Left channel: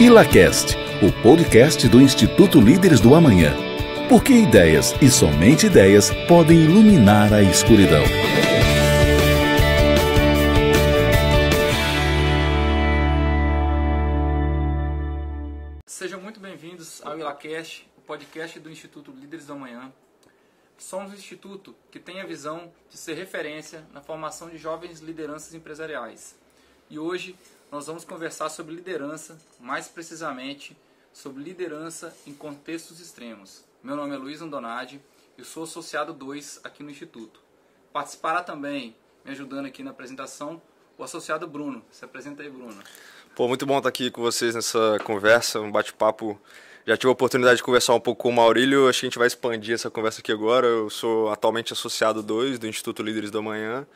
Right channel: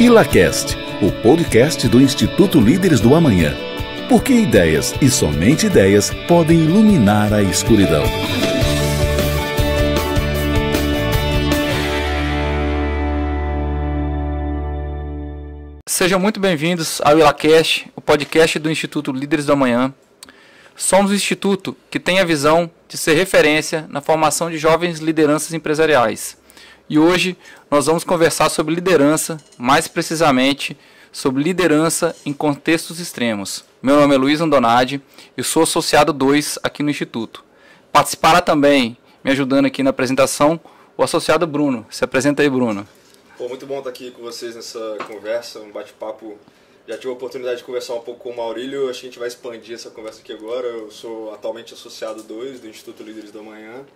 ILACast, o podcast do Instituto Líderes do Amanhã. Porque ideias e somente ideias podem iluminar a escuridão. Sejam muito bem-vindos ao ILACast, o podcast do Instituto Líderes do Amanhã. Somos um instituto que tem a visão de ser referência na formação de jovens lideranças empresariais. E hoje nós vamos conversar sobre liderança, mais precisamente sobre liderança em contextos extremos. Meu nome é Luiz Andonadi, eu sou associado 2 aqui no Instituto. Participará também, me ajudando aqui na apresentação, o associado Bruno. Se apresenta aí, Bruno. Muito bom estar aqui com vocês nessa conversa, um bate-papo. Já tive a oportunidade de conversar um pouco com o Maurílio, acho que a gente vai expandir essa conversa aqui agora. Eu sou atualmente associado 2 do Instituto Líderes do Amanhã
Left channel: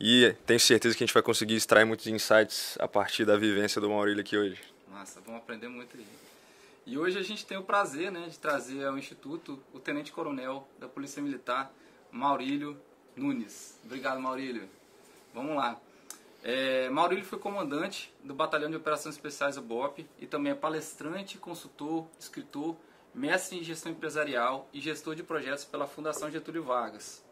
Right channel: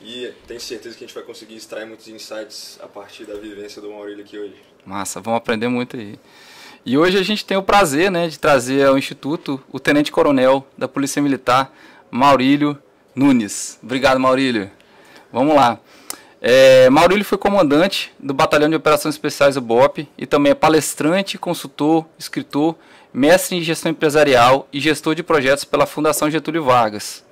e tenho certeza que a gente vai conseguir extrair muitos insights a partir da vivência do Maurílio aqui hoje. Massa, vamos aprender muito aí. E hoje a gente tem o prazer, de trazer ao Instituto o Tenente Coronel da Polícia Militar, Maurílio Nunes. Obrigado, Maurílio. Vamos lá. Maurílio foi comandante do Batalhão de Operações Especiais do BOPE e também é palestrante, consultor, escritor, mestre em gestão empresarial e gestor de projetos pela Fundação Getúlio Vargas.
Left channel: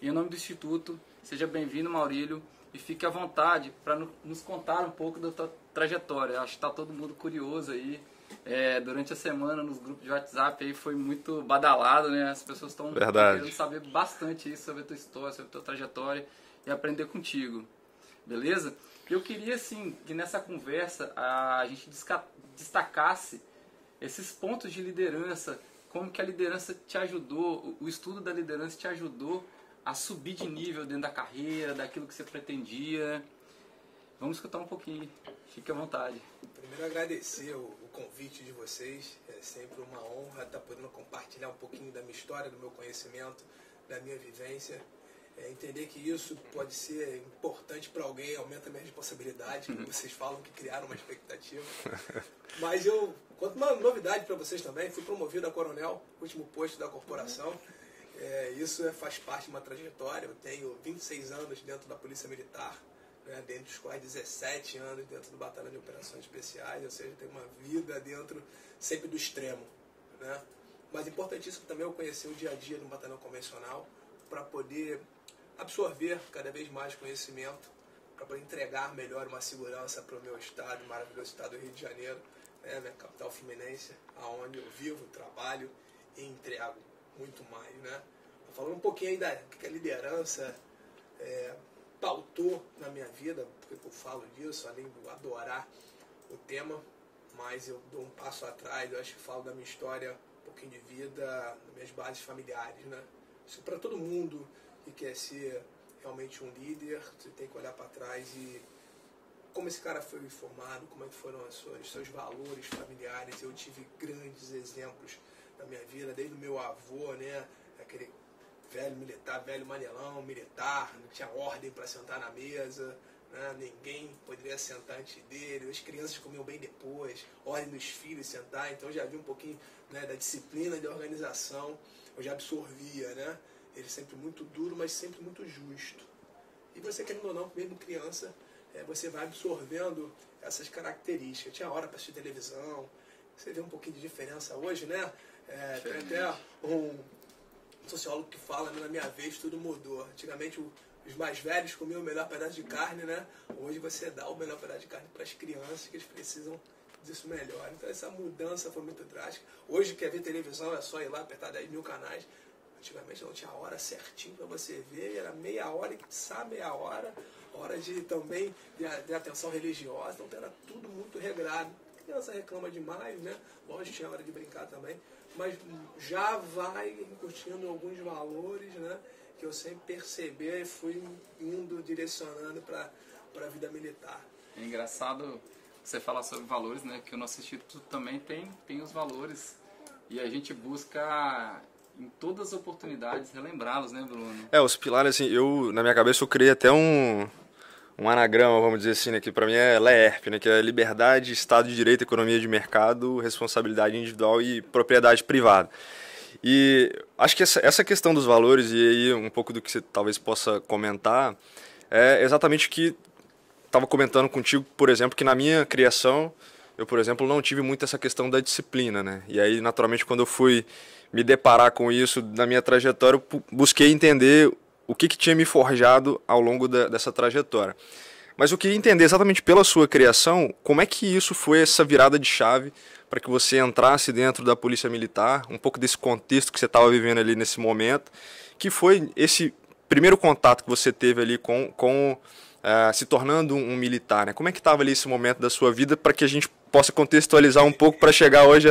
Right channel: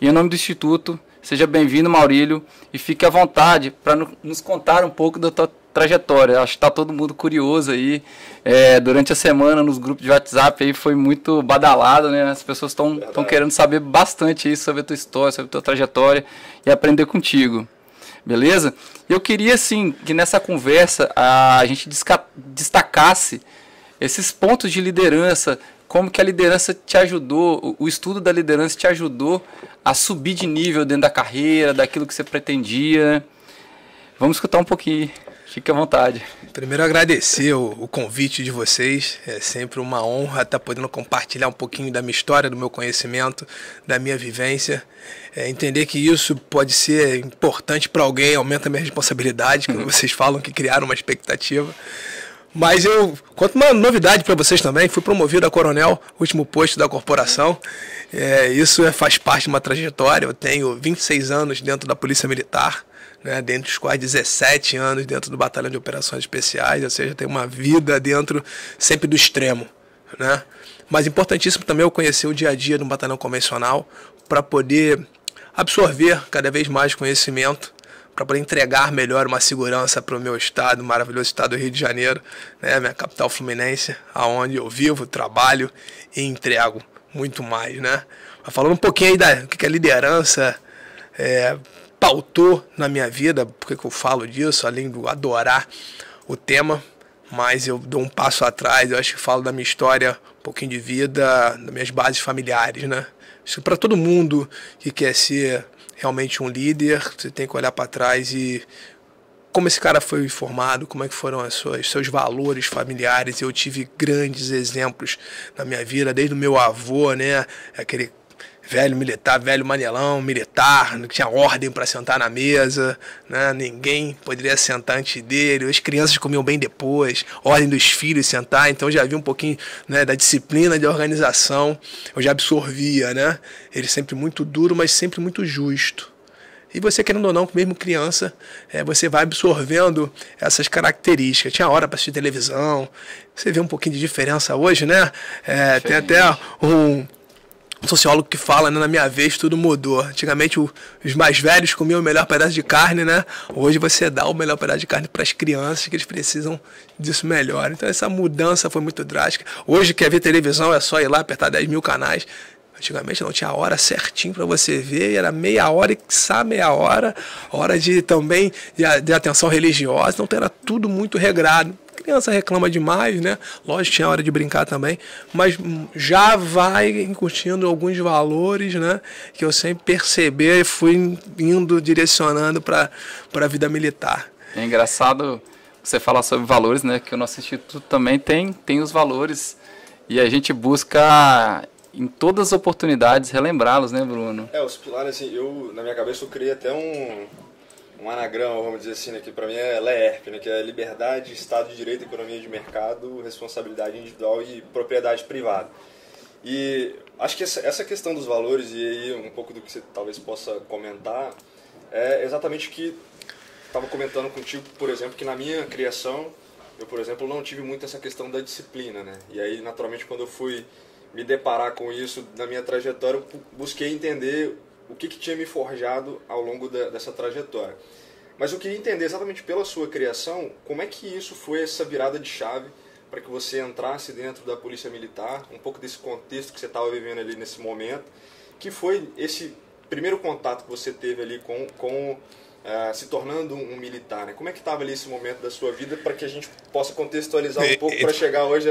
E em nome do Instituto, seja bem-vindo, Maurílio, e fique à vontade para nos contar um pouco da tua trajetória. Acho que está todo mundo curioso aí. Durante a semana, nos grupos de WhatsApp, aí foi muito badalado, né? As pessoas estão querendo saber bastante aí sobre a tua história, sobre a tua trajetória e aprender contigo. Beleza? Eu queria, assim, que nessa conversa a gente destacasse esses pontos de liderança, como que a liderança te ajudou, o estudo da liderança te ajudou a subir de nível dentro da carreira, daquilo que você pretendia. Vamos escutar um pouquinho. Fique à vontade. Primeiro, agradecer o convite de vocês. É sempre uma honra estar podendo compartilhar um pouquinho da minha história, do meu conhecimento, da minha vivência. Entender que isso pode ser importante para alguém, aumenta a minha responsabilidade, quando vocês falam que criaram uma expectativa. Mas eu conto uma novidade para vocês também. Fui promovido a coronel, último posto da corporação. Isso faz parte de uma trajetória. Eu tenho 26 anos dentro da Polícia Militar, dentro dos quais 17 anos dentro do Batalhão de Operações Especiais, ou seja, tem uma vida dentro sempre do extremo, né? Mas importantíssimo também eu conhecer o dia a dia do batalhão convencional para poder absorver cada vez mais conhecimento, para poder entregar melhor uma segurança para o meu estado, o maravilhoso estado do Rio de Janeiro, minha capital fluminense, aonde eu vivo, trabalho e entrego muito mais, né? Mas falando um pouquinho aí do que a liderança pautou na minha vida, porque eu falo disso, além de adorar o tema, mas eu dou um passo atrás, eu acho que falo da minha história, um pouquinho de vida, das minhas bases familiares, né? Acho que para todo mundo que quer ser realmente um líder, você tem que olhar para trás e como esse cara foi formado, como é que foram os seus valores familiares. Eu tive grandes exemplos na minha vida, desde o meu avô, aquele velho militar, velho manelão militar, que tinha ordem para sentar na mesa, ninguém poderia sentar antes dele, as crianças comiam bem depois, ordem dos filhos sentar, então eu já vi um pouquinho da disciplina de organização, eu já absorvia, ele sempre muito duro, mas sempre muito justo. E você, querendo ou não, mesmo criança, você vai absorvendo essas características. Tinha hora para assistir televisão, você vê um pouquinho de diferença hoje, tem até um sociólogo que fala, na minha vez tudo mudou. Antigamente os mais velhos comiam o melhor pedaço de carne, Hoje você dá o melhor pedaço de carne para as crianças, que eles precisam disso melhor. Então essa mudança foi muito drástica. Hoje quer ver televisão, é só ir lá apertar 10 mil canais. Antigamente não tinha hora certinho para você ver, era meia hora e quiçá meia hora, hora de também de atenção religiosa, então era tudo muito regrado. Criança reclama demais, Lógico, tinha hora de brincar também, mas já vai incutindo alguns valores, que eu sempre percebi e fui direcionando para a vida militar. É engraçado você falar sobre valores, que o nosso instituto também tem os valores e a gente busca em todas as oportunidades relembrá-los, Bruno? Os pilares, assim, na minha cabeça eu criei até um anagrama, vamos dizer assim, que para mim é LERP, que é Liberdade, Estado de Direito, Economia de Mercado, Responsabilidade Individual e Propriedade Privada. E acho que essa questão dos valores, e aí um pouco do que você talvez possa comentar, é exatamente o que estava comentando contigo, por exemplo, que na minha criação eu, por exemplo, não tive muito essa questão da disciplina, né? E aí, naturalmente, quando eu fui me deparar com isso na minha trajetória, eu busquei entender o que tinha me forjado ao longo dessa trajetória. Mas eu queria entender exatamente pela sua criação, como é que isso foi essa virada de chave para que você entrasse dentro da Polícia Militar, um pouco desse contexto que você estava vivendo ali nesse momento, que foi esse primeiro contato que você teve ali com se tornando um militar, né? Como é que estava ali esse momento da sua vida para que a gente possa contextualizar um pouco para chegar hoje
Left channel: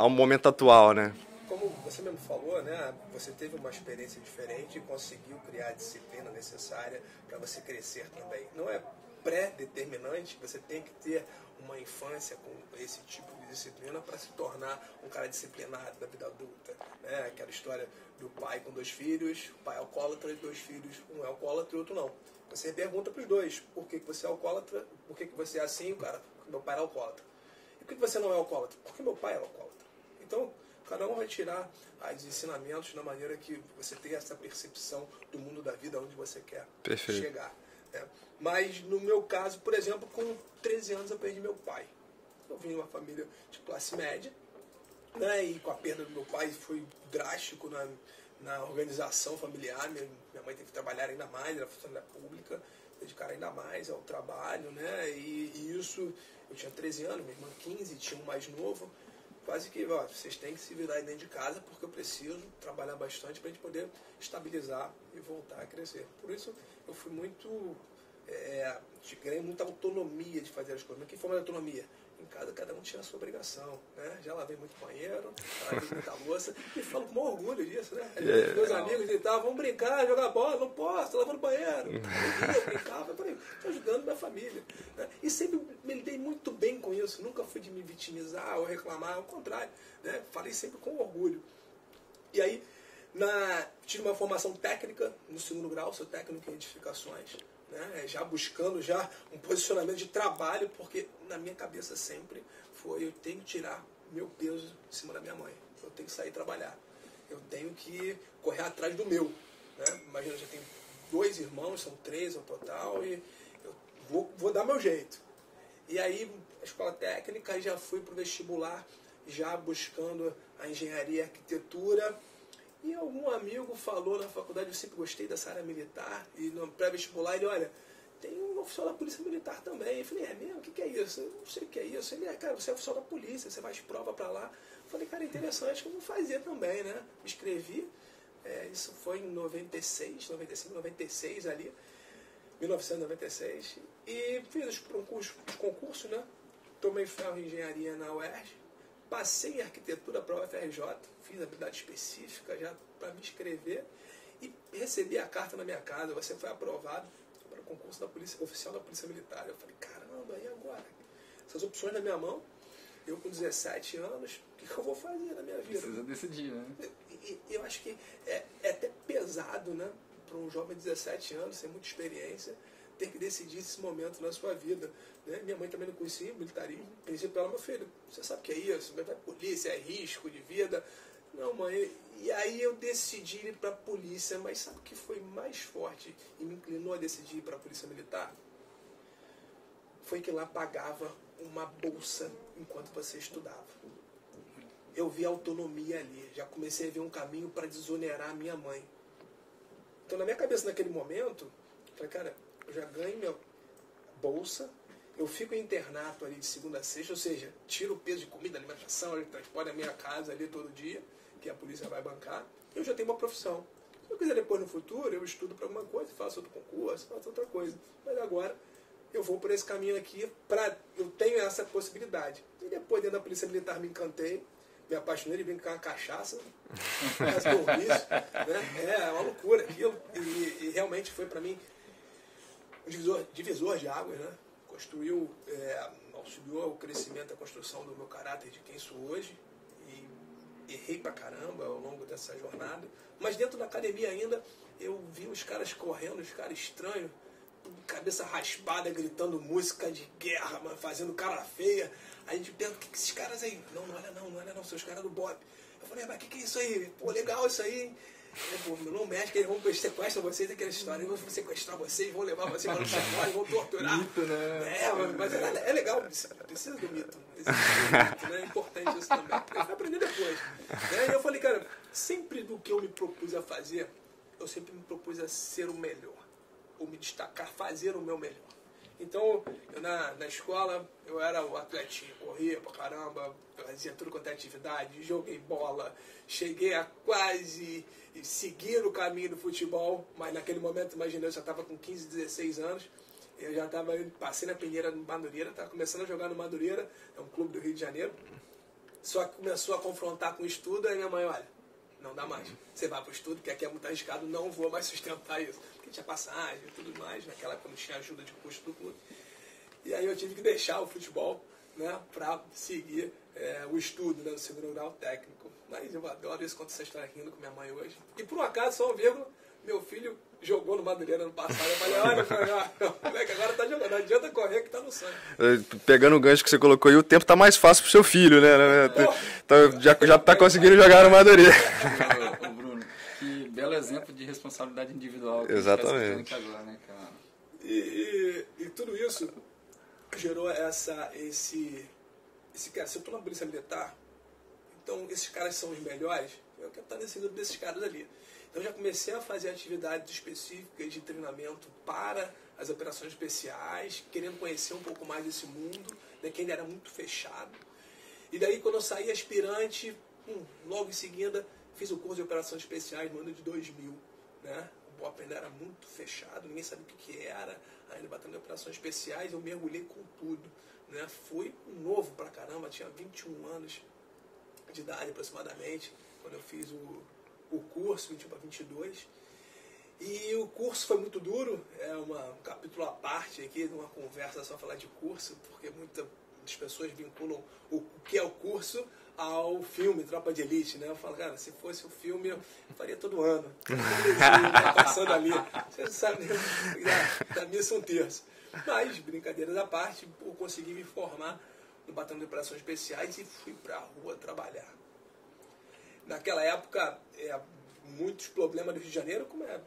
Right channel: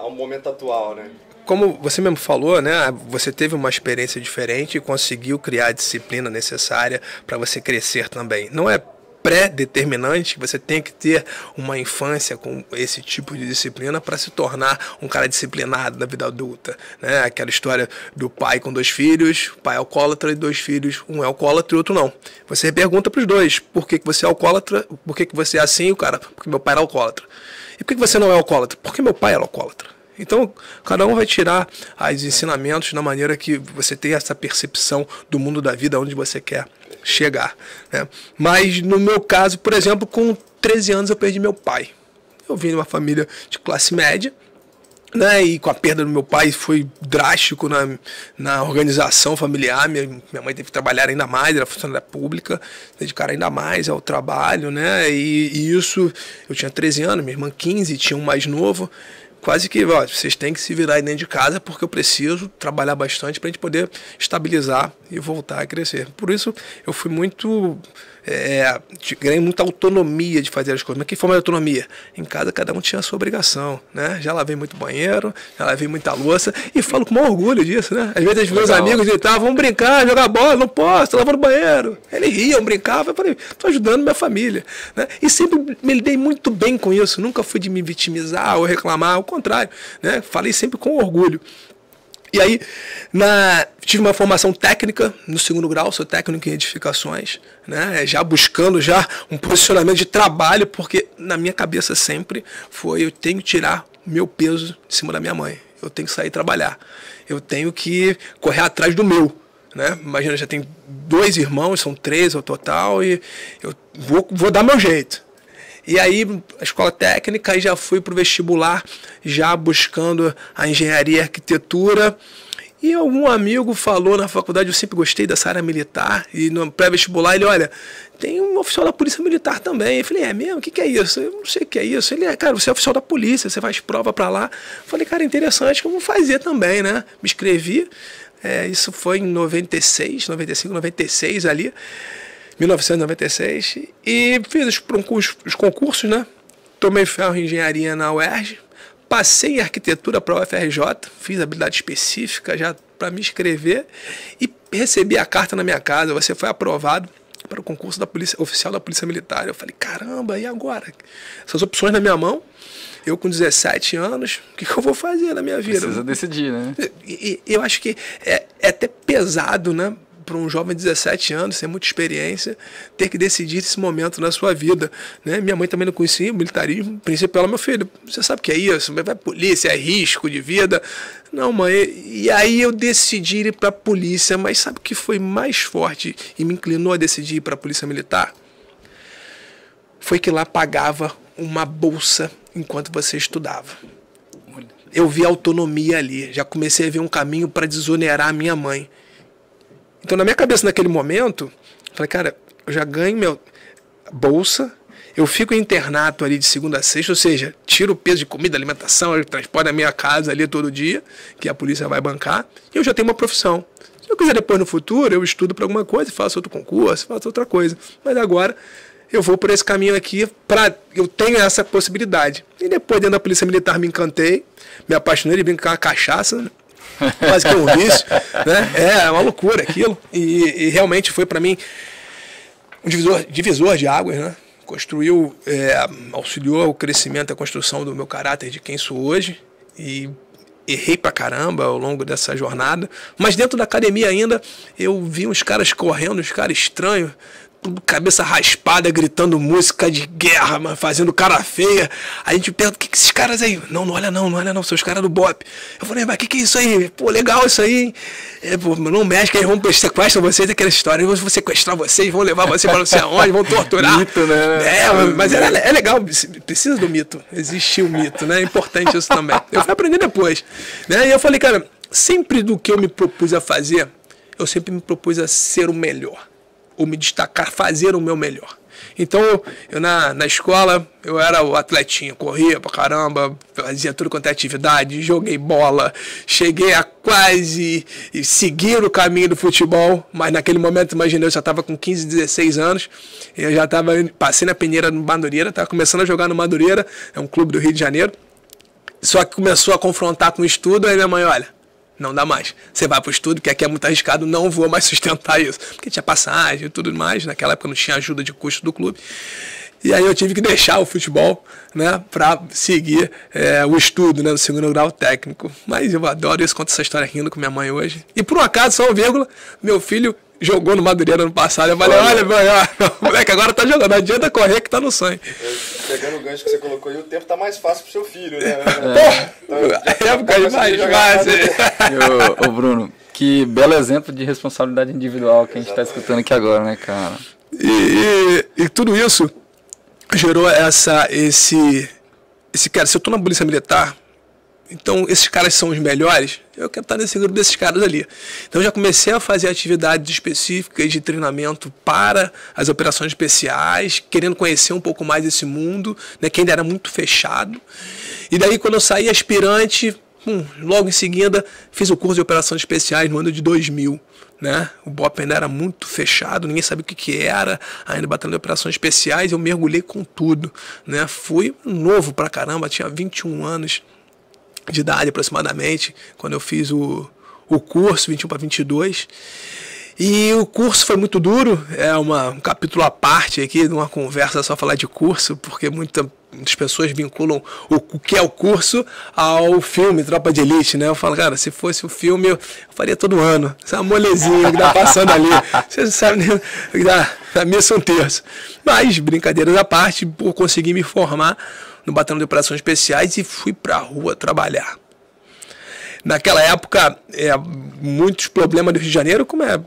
ao momento atual, né? Como você mesmo falou, né? Você teve uma experiência diferente e conseguiu criar a disciplina necessária para você crescer também. Não é pré-determinante, você tem que ter uma infância com esse tipo de disciplina para se tornar um cara disciplinado na vida adulta, né? Aquela história do pai com 2 filhos, pai alcoólatra e 2 filhos, um é alcoólatra e outro não. Você pergunta para os dois, por que você é alcoólatra, por que você é assim, o cara, porque meu pai era alcoólatra. E por que você não é alcoólatra? Porque meu pai era alcoólatra. Então, cada um vai tirar os ensinamentos da maneira que você tem essa percepção do mundo da vida, onde você quer chegar, né? Mas, no meu caso, por exemplo, com 13 anos eu perdi meu pai. Eu vim de uma família de classe média, né? E com a perda do meu pai foi drástico na organização familiar. Minha mãe teve que trabalhar ainda mais, era funcionária pública, dedicar ainda mais ao trabalho, né? E isso, eu tinha 13 anos, minha irmã 15, tinha um mais novo. Quase que, ó, vocês têm que se virar aí dentro de casa porque eu preciso trabalhar bastante para a gente poder estabilizar e voltar a crescer. Por isso, eu fui muito... ganhei muita autonomia de fazer as coisas. Mas que forma de autonomia? Em casa, cada um tinha a sua obrigação, né? Já lavei muito banheiro, já lavei muita louça e falo com o maior orgulho disso, né? Às vezes, meus amigos gritavam, vamos brincar, jogar bola, não posso, tô lavando banheiro. Eles riam, brincavam, eu falei, tô ajudando minha família, né? E sempre me lidei muito bem com isso, nunca fui de me vitimizar ou reclamar, ao contrário, né? Falei sempre com orgulho. E aí, tive uma formação técnica no 2º grau, sou técnico em edificações, né? Já buscando um posicionamento de trabalho, porque na minha cabeça sempre foi, eu tenho que tirar meu peso de cima da minha mãe, eu tenho que sair trabalhar, eu tenho que correr atrás do meu, né? Imagina, já tenho 2 irmãos, são 3 ao total, e eu vou dar meu jeito. E aí, a escola técnica, aí já fui para o vestibular, já buscando a engenharia e arquitetura. E algum amigo falou na faculdade, eu sempre gostei dessa área militar, e no pré-vestibular ele, olha, tem um oficial da Polícia Militar também. Eu falei, é mesmo? O que é isso? Eu não sei o que é isso. Ele, cara, você é oficial da polícia, você faz prova para lá. Eu falei, cara, interessante, que eu vou fazer também, né? Me inscrevi, isso foi em 95, 96 ali. 1996, e fiz os concursos, né? Tomei ferro em engenharia na UERJ, passei em arquitetura para a UFRJ, fiz habilidade específica já para me inscrever e recebi a carta na minha casa, você foi aprovado para o concurso da polícia, oficial da Polícia Militar. Eu falei, caramba, e agora? Essas opções na minha mão, eu com 17 anos, o que eu vou fazer na minha vida? Precisa decidir, né? Eu acho que é até pesado, né? Para um jovem de 17 anos, sem muita experiência, ter que decidir esse momento na sua vida, né? Minha mãe também não conhecia o militarismo, o princípio, ela, meu filho, você sabe o que é isso? Vai polícia, é risco de vida. Não, mãe, e aí eu decidi ir para a polícia, mas sabe o que foi mais forte e me inclinou a decidir ir para a Polícia Militar? Foi que lá pagava uma bolsa enquanto você estudava. Eu vi autonomia ali, já comecei a ver um caminho para desonerar a minha mãe. Então, na minha cabeça, naquele momento, falei, cara, eu já ganho minha bolsa, eu fico em internato ali de segunda a sexta, ou seja, tiro o peso de comida, alimentação, eu transporto da minha casa ali todo dia, que a polícia vai bancar, e eu já tenho uma profissão. Se eu quiser depois no futuro, eu estudo para alguma coisa, faço outro concurso, faço outra coisa. Mas agora, eu vou por esse caminho aqui, eu tenho essa possibilidade. E depois, dentro da Polícia Militar, me encantei, me apaixonei de brincar com a cachaça, né? Quase que um vício, né? É uma loucura aquilo. E realmente foi para mim um divisor de águas, né? Construiu, auxiliou o crescimento, a construção do meu caráter de quem sou hoje. E errei pra caramba ao longo dessa jornada. Mas dentro da academia ainda, eu vi uns caras correndo, uns caras estranhos, cabeça raspada, gritando música de guerra, mano, fazendo cara feia. Aí a gente pergunta, o que esses caras aí? Não olha não, são os caras do BOPE. Eu falei, mas o que é isso aí? Pô, legal isso aí, hein? Pô, não mexe, que aí vão sequestrar vocês, aquela história, vão sequestrar vocês, vão levar vocês para não sei aonde, vão torturar. Mito, né? Mas é legal, precisa do mito, existe o mito, né? É importante isso também. Eu fui aprender depois, né? E eu falei, cara, sempre do que eu me propus a fazer, eu sempre me propus a ser o melhor, ou me destacar, fazer o meu melhor. Então, eu na escola, eu era o atletinho, corria pra caramba, fazia tudo quanto é atividade, joguei bola, cheguei a quase seguir o caminho do futebol, mas naquele momento, imaginei, eu já estava com 15, 16 anos, eu já passei na peneira no Madureira, estava começando a jogar no Madureira, é um clube do Rio de Janeiro, só que começou a confrontar com o estudo, aí minha mãe, olha, não dá mais. Você vai pro estudo, que aqui é muito arriscado, não vou mais sustentar isso. Porque tinha passagem e tudo mais, naquela época não tinha ajuda de custo do clube. E aí eu tive que deixar o futebol, né, para seguir o estudo, né, no segundo grau técnico. Mas eu adoro isso, conto essa história rindo com minha mãe hoje. E por um acaso, só uma vírgula, meu filho jogou no Madureira ano passado. Eu falei, olha, moleque, agora tá jogando, não adianta correr que tá no sangue. Pegando o gancho que você colocou aí, o tempo tá mais fácil pro seu filho, né? Já tá conseguindo jogar no Madureira. Ô Bruno, que belo exemplo de responsabilidade individual que a gente tá escutando aqui agora, né, cara? E tudo isso gerou esse cara, se eu tô na polícia militar, então esses caras são os melhores, eu quero estar nesse grupo desses caras ali. Então eu já comecei a fazer atividades específicas de treinamento para as operações especiais, querendo conhecer um pouco mais desse mundo, né, que ainda era muito fechado. E daí quando eu saí aspirante, logo em seguida fiz o curso de operações especiais no ano de 2000. Né? O BOPE ainda era muito fechado, ninguém sabia o que era, ainda batalhão de operações especiais, eu mergulhei com tudo, né? Fui novo pra caramba, tinha 21 anos de idade aproximadamente, quando eu fiz o curso, 21 para 22, e o curso foi muito duro, é um capítulo à parte aqui, de uma conversa só falar de curso, porque muitas pessoas vinculam o que é o curso ao filme Tropa de Elite, né? Eu falo, cara, se fosse o filme, eu faria todo ano. Isso é uma molezinha que tá passando ali. Você não sabe nem da missa um terço. Mas, brincadeiras à parte, por conseguir me formar no Batalhão de Operações Especiais e fui pra rua trabalhar. Naquela época, muitos problemas do Rio de Janeiro, como é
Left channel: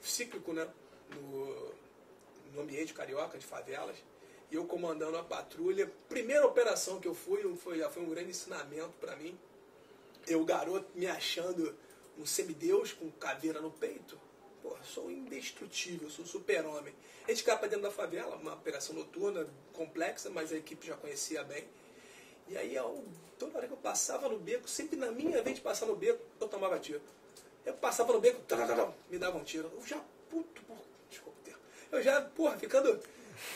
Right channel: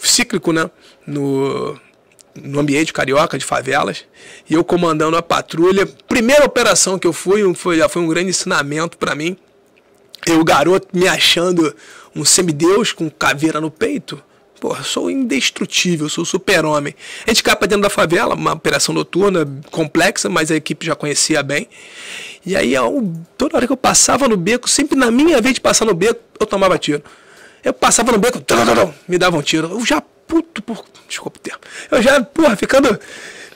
cíclico, né? No ambiente carioca, de favelas, e eu comandando a patrulha. Primeira operação que eu já foi um grande ensinamento para mim. Eu, garoto, me achando um semideus com caveira no peito. Porra, sou indestrutível, sou super-homem. A gente cai pra dentro da favela, uma operação noturna complexa, mas a equipe já conhecia bem. E aí, toda hora que eu passava no beco, sempre na minha vez de passar no beco, eu tomava tiro. Eu passava no beco, me davam um tiro. Eu já desculpa o termo. Eu já, ficando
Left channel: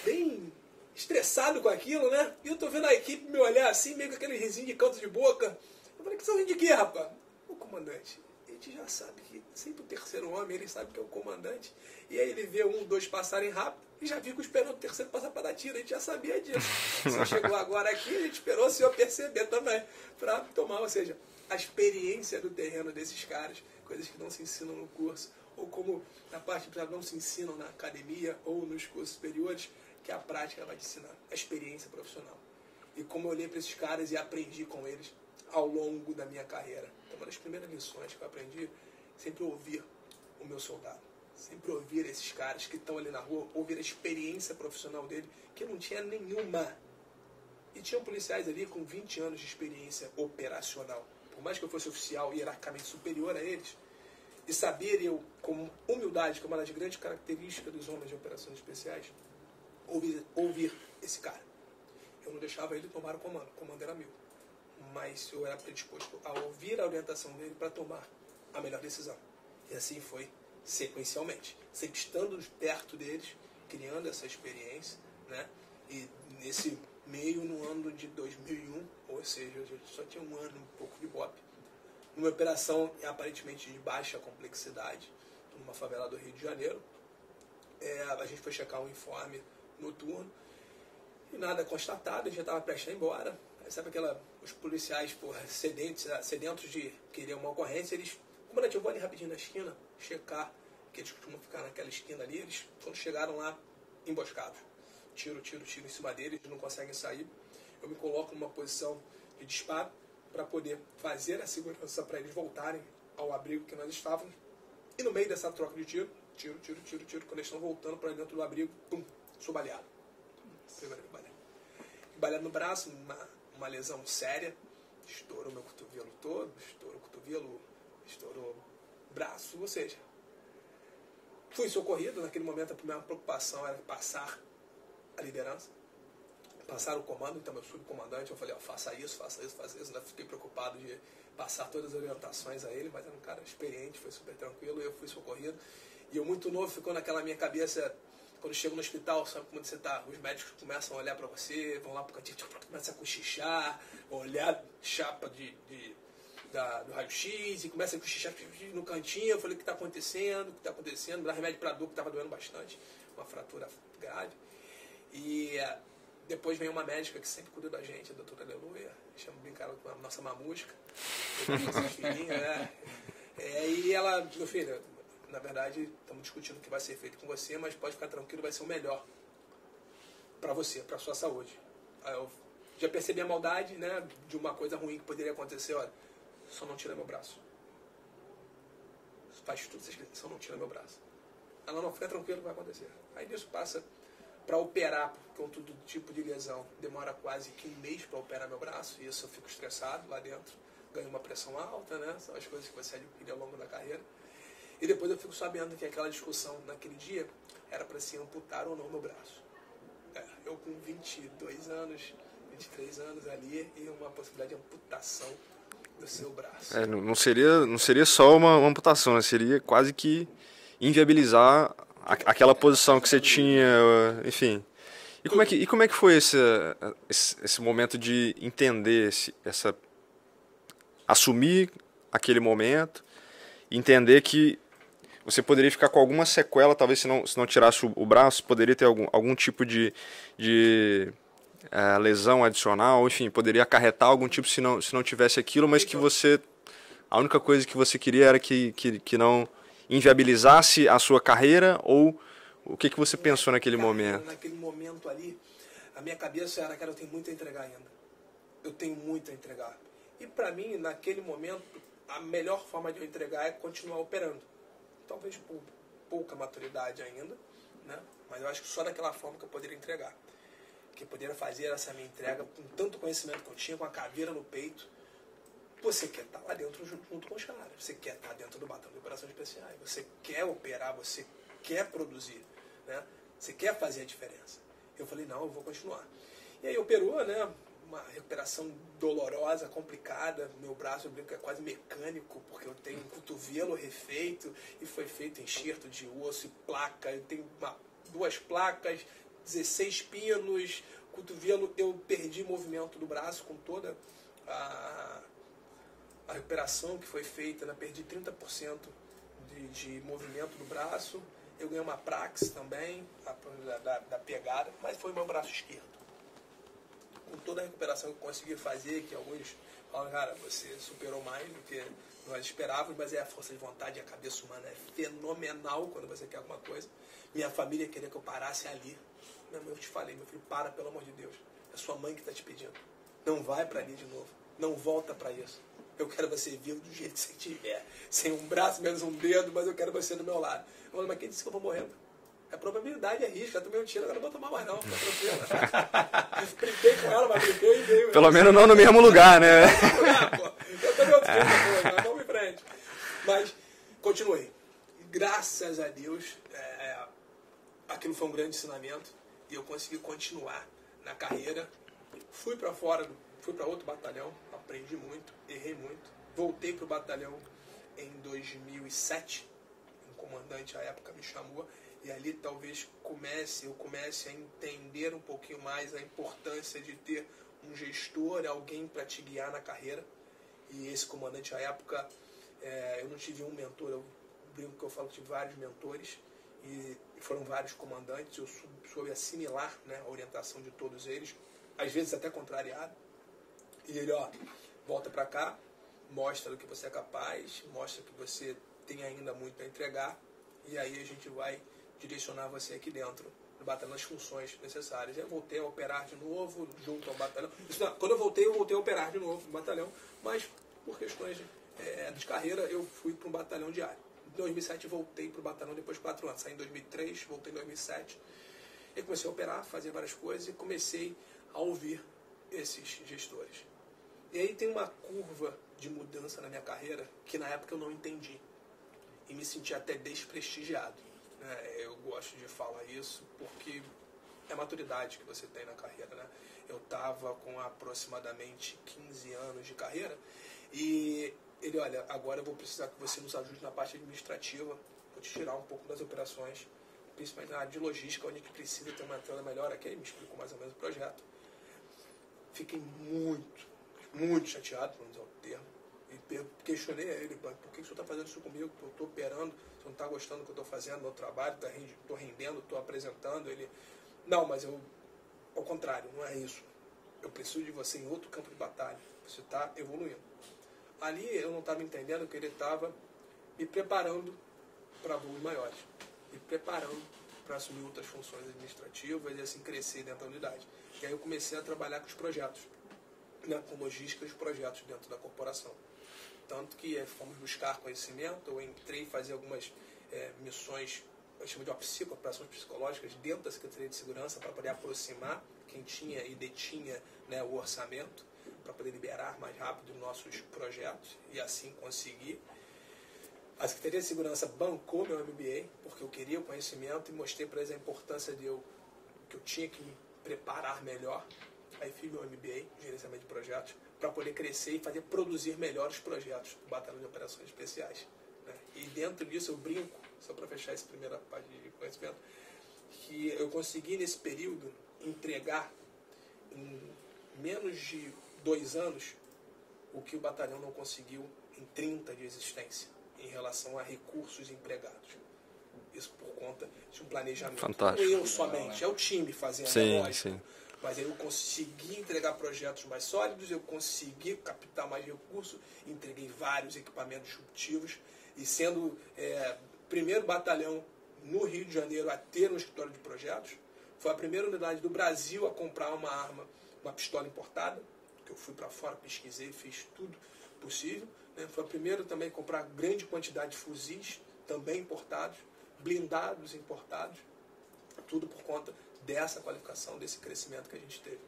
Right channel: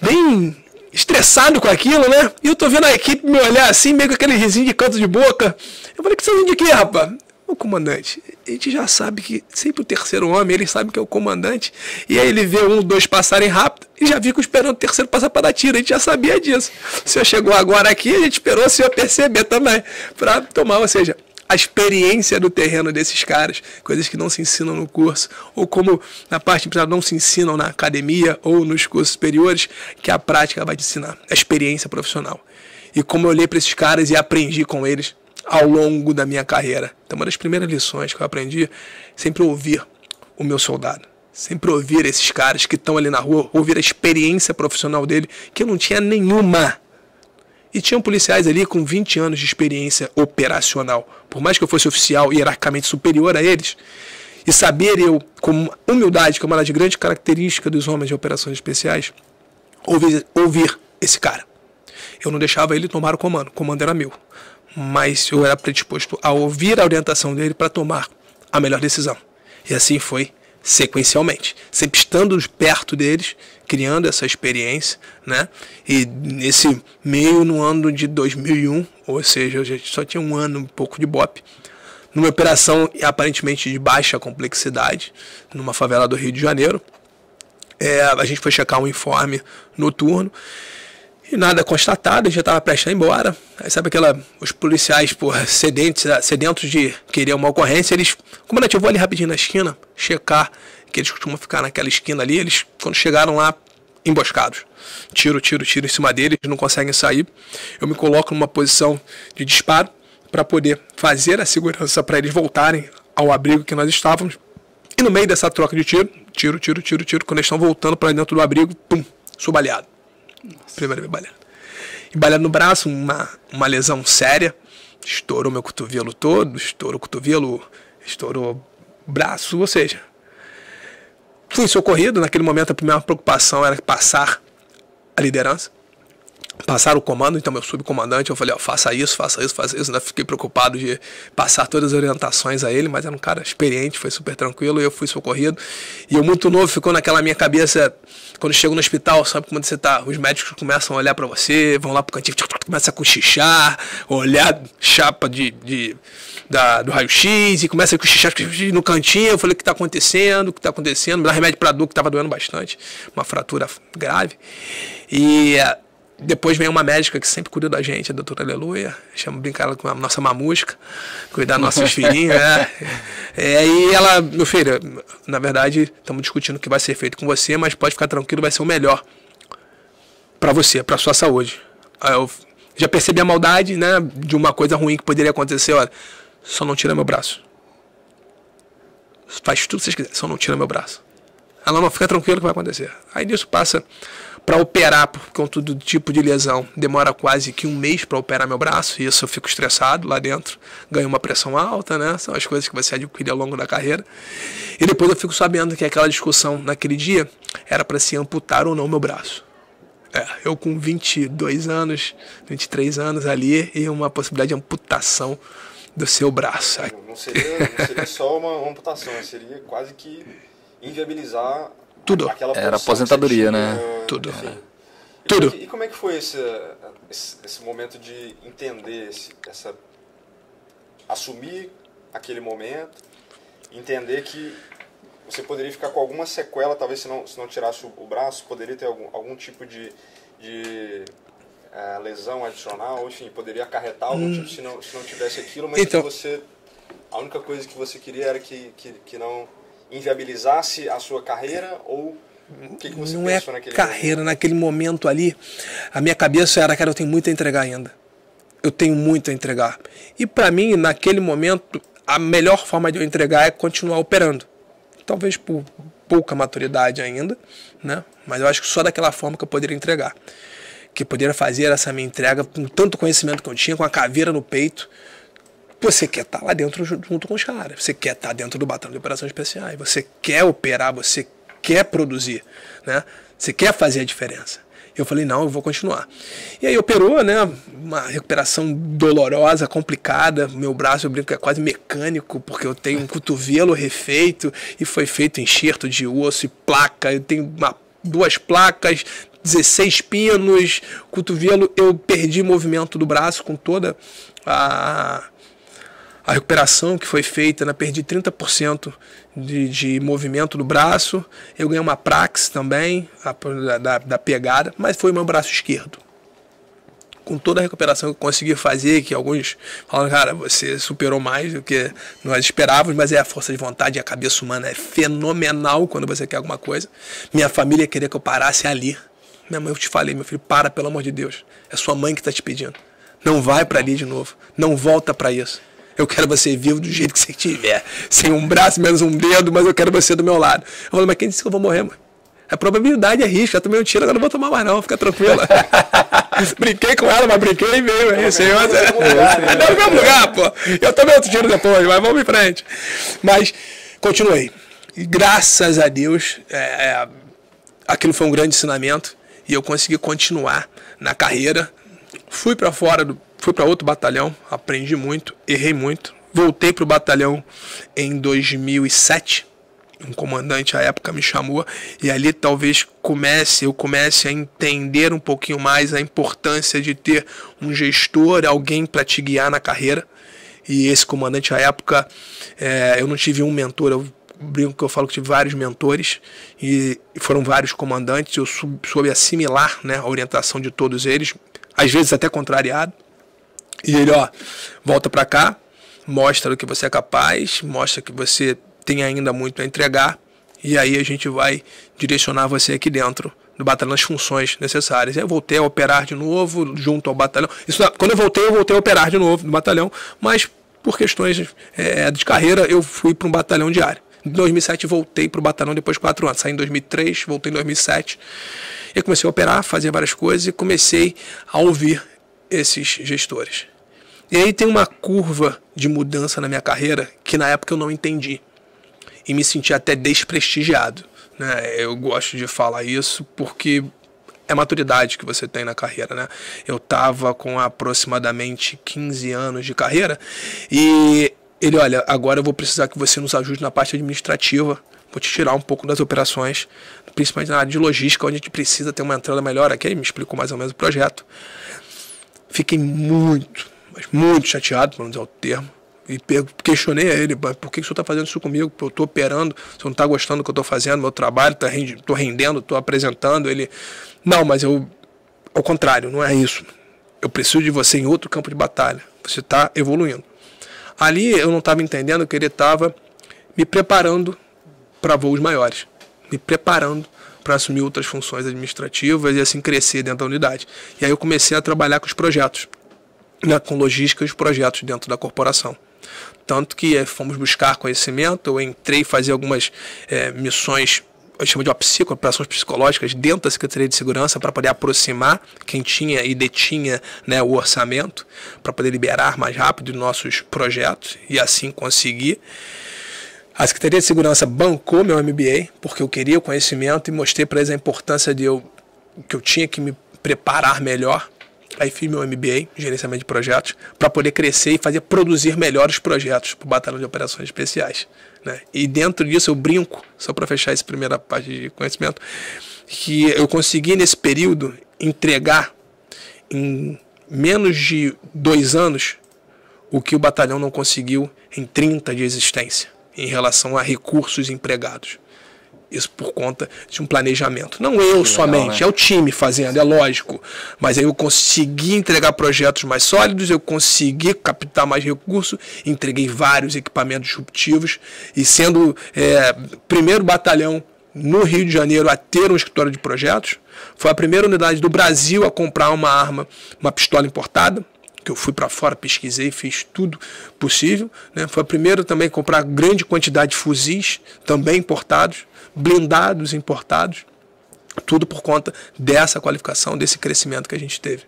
bem estressado com aquilo, né? E eu tô vendo a equipe me olhar assim, meio com aquele risinho de canto de boca. Eu falei, que vocês vêm de quê, rapaz? O comandante. A gente já sabe que sempre o terceiro homem, ele sabe que é o comandante. E aí ele vê 1, 2 passarem rápido e já fica esperando o terceiro passar para dar tiro. A gente já sabia disso. O senhor chegou agora aqui, a gente esperou o senhor perceber também. Para tomar, ou seja, a experiência do terreno desses caras, coisas que não se ensinam no curso, ou como na parte empresarial não se ensinam na academia ou nos cursos superiores, que a prática vai te ensinar, a experiência profissional. E como eu olhei para esses caras e aprendi com eles ao longo da minha carreira. Então, uma das primeiras lições que eu aprendi, sempre ouvir o meu soldado, sempre ouvir esses caras que estão ali na rua, ouvir a experiência profissional dele, que eu não tinha nenhuma. E tinham policiais ali com 20 anos de experiência operacional. Por mais que eu fosse oficial hierarquicamente superior a eles, e saber eu, com humildade, que é uma das grandes características dos homens de operações especiais, ouvir esse cara. Eu não deixava ele tomar o comando era meu. Mas eu era predisposto a ouvir a orientação dele para tomar a melhor decisão. E assim foi sequencialmente, sempre estando perto deles, criando essa experiência, né? E nesse meio, no ano de 2001, ou seja, eu já só tinha um ano, um pouco de BOPE, numa operação aparentemente de baixa complexidade, numa favela do Rio de Janeiro. A gente foi checar um informe noturno, e nada constatado, a gente já estava prestes a ir embora. Aí sabe os policiais, sedentos de querer uma ocorrência, eles, comandante, eu vou ali rapidinho na esquina, checar, que eles costumam ficar naquela esquina ali, eles, quando chegaram lá, emboscados. Tiro em cima deles, não conseguem sair. Eu me coloco numa posição de disparo para poder fazer a segurança para eles voltarem ao abrigo que nós estávamos. E no meio dessa troca de tiro, quando eles estão voltando para dentro do abrigo, pum, sou baleado. Primeira vez baleado. E baleado no braço, uma lesão séria. Estourou meu cotovelo todo, estourou o cotovelo, estourou o braço, ou seja, fui socorrido. Naquele momento a primeira preocupação era passar a liderança, passar o comando. Então meu subcomandante, eu falei, ó, faça isso, né? Fiquei preocupado de passar todas as orientações a ele, mas era um cara experiente, foi super tranquilo, e eu fui socorrido. E eu muito novo, ficou naquela minha cabeça, quando chego no hospital, sabe como você tá, os médicos começam a olhar pra você, vão lá pro cantinho, começa a cochichar, olhar chapa do raio-x, e começa a cochichar no cantinho. Eu falei, o que tá acontecendo, me dá remédio pra dor, que tava doendo bastante, uma fratura grave. E depois vem uma médica que sempre cuida da gente, a doutora Aleluia, chama, brincar ela com a nossa mamusca, cuidar dos nossos filhinhos, e ela, meu filho, na verdade, estamos discutindo o que vai ser feito com você, mas pode ficar tranquilo, vai ser o melhor para você, para sua saúde. Aí eu já percebi a maldade, né, de uma coisa ruim que poderia acontecer, olha, só não tira meu braço. Faz tudo que vocês quiserem, só não tira meu braço. Ela não fica tranquilo que vai acontecer. Aí disso passa para operar, por conta do tipo de lesão, demora quase que 1 mês para operar meu braço, e isso eu fico estressado lá dentro, ganho uma pressão alta, né? São as coisas que você adquire ao longo da carreira. E depois eu fico sabendo que aquela discussão naquele dia era para se amputar ou não meu braço. Eu com 22 anos, 23 anos ali, e uma possibilidade de amputação do seu braço. Não seria só uma amputação, seria quase que inviabilizar tudo. Aquela posição aposentadoria, que você tinha, né? Tudo. Enfim. E como é que foi esse momento de entender, assumir aquele momento, entender que você poderia ficar com alguma sequela, talvez se não tirasse o braço, poderia ter algum tipo de lesão adicional, enfim, poderia acarretar algum tipo se não tivesse aquilo, mas então, que a única coisa que você queria era que não inviabilizasse a sua carreira, ou o que você pensou naquele momento? Carreira, naquele momento ali, a minha cabeça era, cara, eu tenho muito a entregar ainda. Eu tenho muito a entregar. E para mim, naquele momento, a melhor forma de eu entregar é continuar operando. Talvez por pouca maturidade ainda, né? Mas eu acho que só daquela forma que eu poderia entregar. Que eu poderia fazer essa minha entrega com tanto conhecimento que eu tinha, com a caveira no peito. Você quer estar lá dentro junto com os caras. Você quer estar dentro do batalhão de operações especiais. Você quer operar, você quer produzir, né? Você quer fazer a diferença. Eu falei, não, eu vou continuar. E aí operou, né? Uma recuperação dolorosa, complicada. Meu braço, eu brinco, é quase mecânico, porque eu tenho um cotovelo refeito e foi feito enxerto de osso e placa. Eu tenho 2 placas, 16 pinos, cotovelo. Eu perdi movimento do braço com toda a recuperação que foi feita, né? Perdi 30% de movimento do braço. Eu ganhei uma praxe também, da pegada, mas foi o meu braço esquerdo. Com toda a recuperação que eu consegui fazer, que alguns falam, cara, você superou mais do que nós esperávamos, mas é a força de vontade e a cabeça humana é fenomenal quando você quer alguma coisa. Minha família queria que eu parasse ali. Minha mãe, eu te falei, meu filho, para, pelo amor de Deus. É sua mãe que está te pedindo. Não vai para ali de novo. Não volta para isso. Eu quero você vivo do jeito que você estiver. Sem um braço, menos um dedo, mas eu quero você do meu lado. Eu falei, mas quem disse que eu vou morrer, mãe? A probabilidade é risco. Eu tomei um tiro, agora não vou tomar mais não. Fica tranquila. Brinquei com ela, mas brinquei e veio. Então você vai no mesmo lugar, né? No mesmo lugar, pô. Eu tomei outro tiro depois, mas vamos em frente. Mas continuei. E graças a Deus, aquilo foi um grande ensinamento. E eu consegui continuar na carreira. Fui para outro batalhão, aprendi muito, errei muito. Voltei para o batalhão em 2007. Um comandante à época me chamou e ali talvez eu comece a entender um pouquinho mais a importância de ter um gestor, alguém para te guiar na carreira. E esse comandante à época, eu não tive um mentor, eu brinco que eu falo que tive vários mentores e foram vários comandantes. Eu soube assimilar, né, a orientação de todos eles, às vezes até contrariado. E ele, volta para cá, mostra o que você é capaz, mostra que você tem ainda muito a entregar, e aí a gente vai direcionar você aqui dentro do batalhão as funções necessárias. Aí eu voltei a operar de novo junto ao batalhão. Quando eu voltei a operar de novo no batalhão, mas por questões de carreira eu fui para um batalhão diário. Em 2007 voltei para o batalhão depois de 4 anos. Saí em 2003, voltei em 2007. E comecei a operar, fazer várias coisas e comecei a ouvir esses gestores. E aí tem uma curva de mudança na minha carreira que na época eu não entendi. E me senti até desprestigiado, né? Eu gosto de falar isso porque é a maturidade que você tem na carreira, né? Eu estava com aproximadamente 15 anos de carreira e ele, olha, agora eu vou precisar que você nos ajude na parte administrativa, vou te tirar um pouco das operações, principalmente na área de logística, onde a gente precisa ter uma entrada melhor aqui. Ele me explicou mais ou menos o projeto. Fiquei muito chateado, para não dizer o termo, e questionei a ele, por que o senhor está fazendo isso comigo? Eu estou operando, o senhor não está gostando do que eu estou fazendo, meu trabalho, estou rendendo, estou apresentando. Ele, não, mas ao contrário, não é isso. Eu preciso de você em outro campo de batalha, você está evoluindo. Ali eu não estava entendendo que ele estava me preparando para voos maiores, me preparando para assumir outras funções administrativas e assim crescer dentro da unidade. E aí eu comecei a trabalhar com os projetos, né, com logística e os projetos dentro da corporação. Tanto que fomos buscar conhecimento, eu entrei a fazer algumas missões, eu chamo de operações psicológicas dentro da Secretaria de Segurança para poder aproximar quem tinha e detinha, né, o orçamento, para poder liberar mais rápido nossos projetos e assim conseguir. A Secretaria de Segurança bancou meu MBA, porque eu queria o conhecimento e mostrei para eles a importância que eu tinha que me preparar melhor. Aí fiz meu MBA, gerenciamento de projetos, para poder crescer e produzir melhores projetos para o Batalhão de Operações Especiais, né? E dentro disso eu brinco, só para fechar essa primeira parte de conhecimento, que eu consegui nesse período entregar em menos de 2 anos o que o batalhão não conseguiu em 30 de existência, em relação a recursos empregados. Isso por conta de um planejamento. Não eu somente, né? É o time fazendo, sim, é lógico. Sim. Mas aí eu consegui entregar projetos mais sólidos, eu consegui captar mais recursos, entreguei vários equipamentos disruptivos e sendo primeiro batalhão no Rio de Janeiro a ter um escritório de projetos, foi a primeira unidade do Brasil a comprar uma arma, uma pistola importada, que eu fui para fora, pesquisei, fiz tudo possível, né? Foi a primeira também a comprar grande quantidade de fuzis, também importados, blindados importados, tudo por conta dessa qualificação, desse crescimento que a gente teve.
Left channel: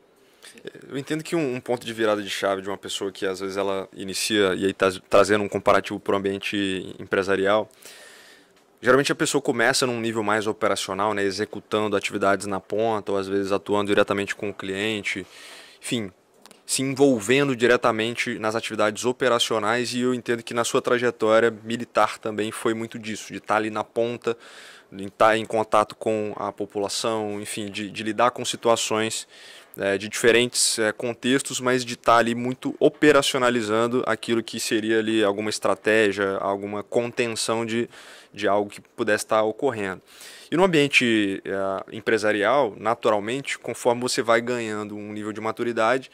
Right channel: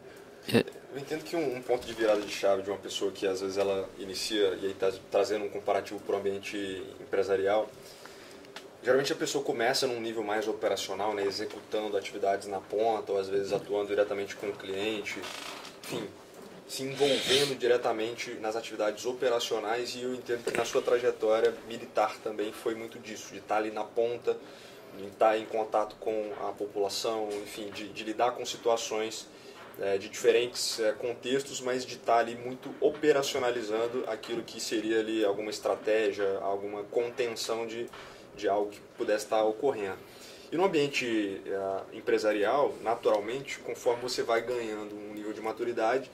Eu entendo que um ponto de virada de chave de uma pessoa que às vezes ela inicia e aí está trazendo um comparativo para o ambiente empresarial, geralmente a pessoa começa num nível mais operacional, né, executando atividades na ponta ou às vezes atuando diretamente com o cliente, enfim, se envolvendo diretamente nas atividades operacionais, e eu entendo que na sua trajetória militar também foi muito disso, de estar ali na ponta, de estar em contato com a população, enfim, de lidar com situações de diferentes contextos, mas de estar ali muito operacionalizando aquilo que seria ali alguma estratégia, alguma contenção de algo que pudesse estar ocorrendo. E no ambiente empresarial, naturalmente, conforme você vai ganhando um nível de maturidade,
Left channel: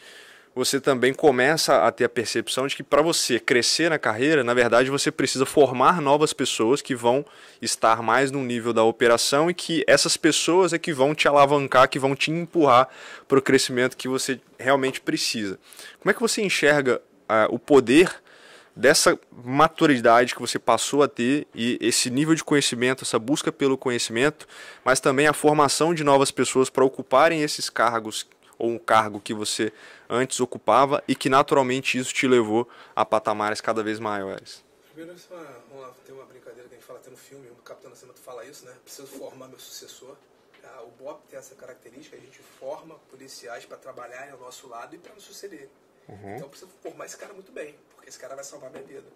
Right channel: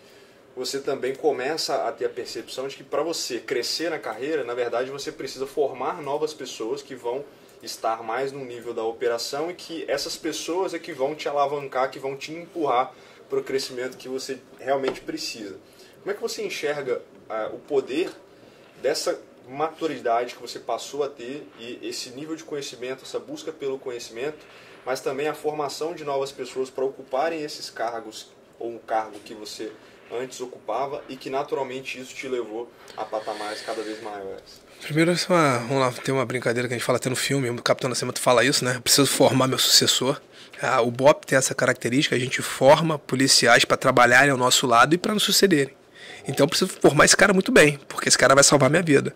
você também começa a ter a percepção de que para você crescer na carreira, na verdade, você precisa formar novas pessoas que vão estar mais no nível da operação e que essas pessoas é que vão te alavancar, que vão te empurrar para o crescimento que você realmente precisa. Como é que você enxerga o poder dessa maturidade que você passou a ter e esse nível de conhecimento, essa busca pelo conhecimento, mas também a formação de novas pessoas para ocuparem esses cargos ou um cargo que você antes ocupava e que naturalmente isso te levou a patamares cada vez maiores? Primeiro, vamos lá, tem uma brincadeira que a gente fala até no filme, o Capitão Nascimento fala isso, né? Eu preciso formar meu sucessor. O BOP tem essa característica, a gente forma policiais para trabalharem ao nosso lado e para nos sucederem. Então eu preciso formar esse cara muito bem, porque esse cara vai salvar minha vida.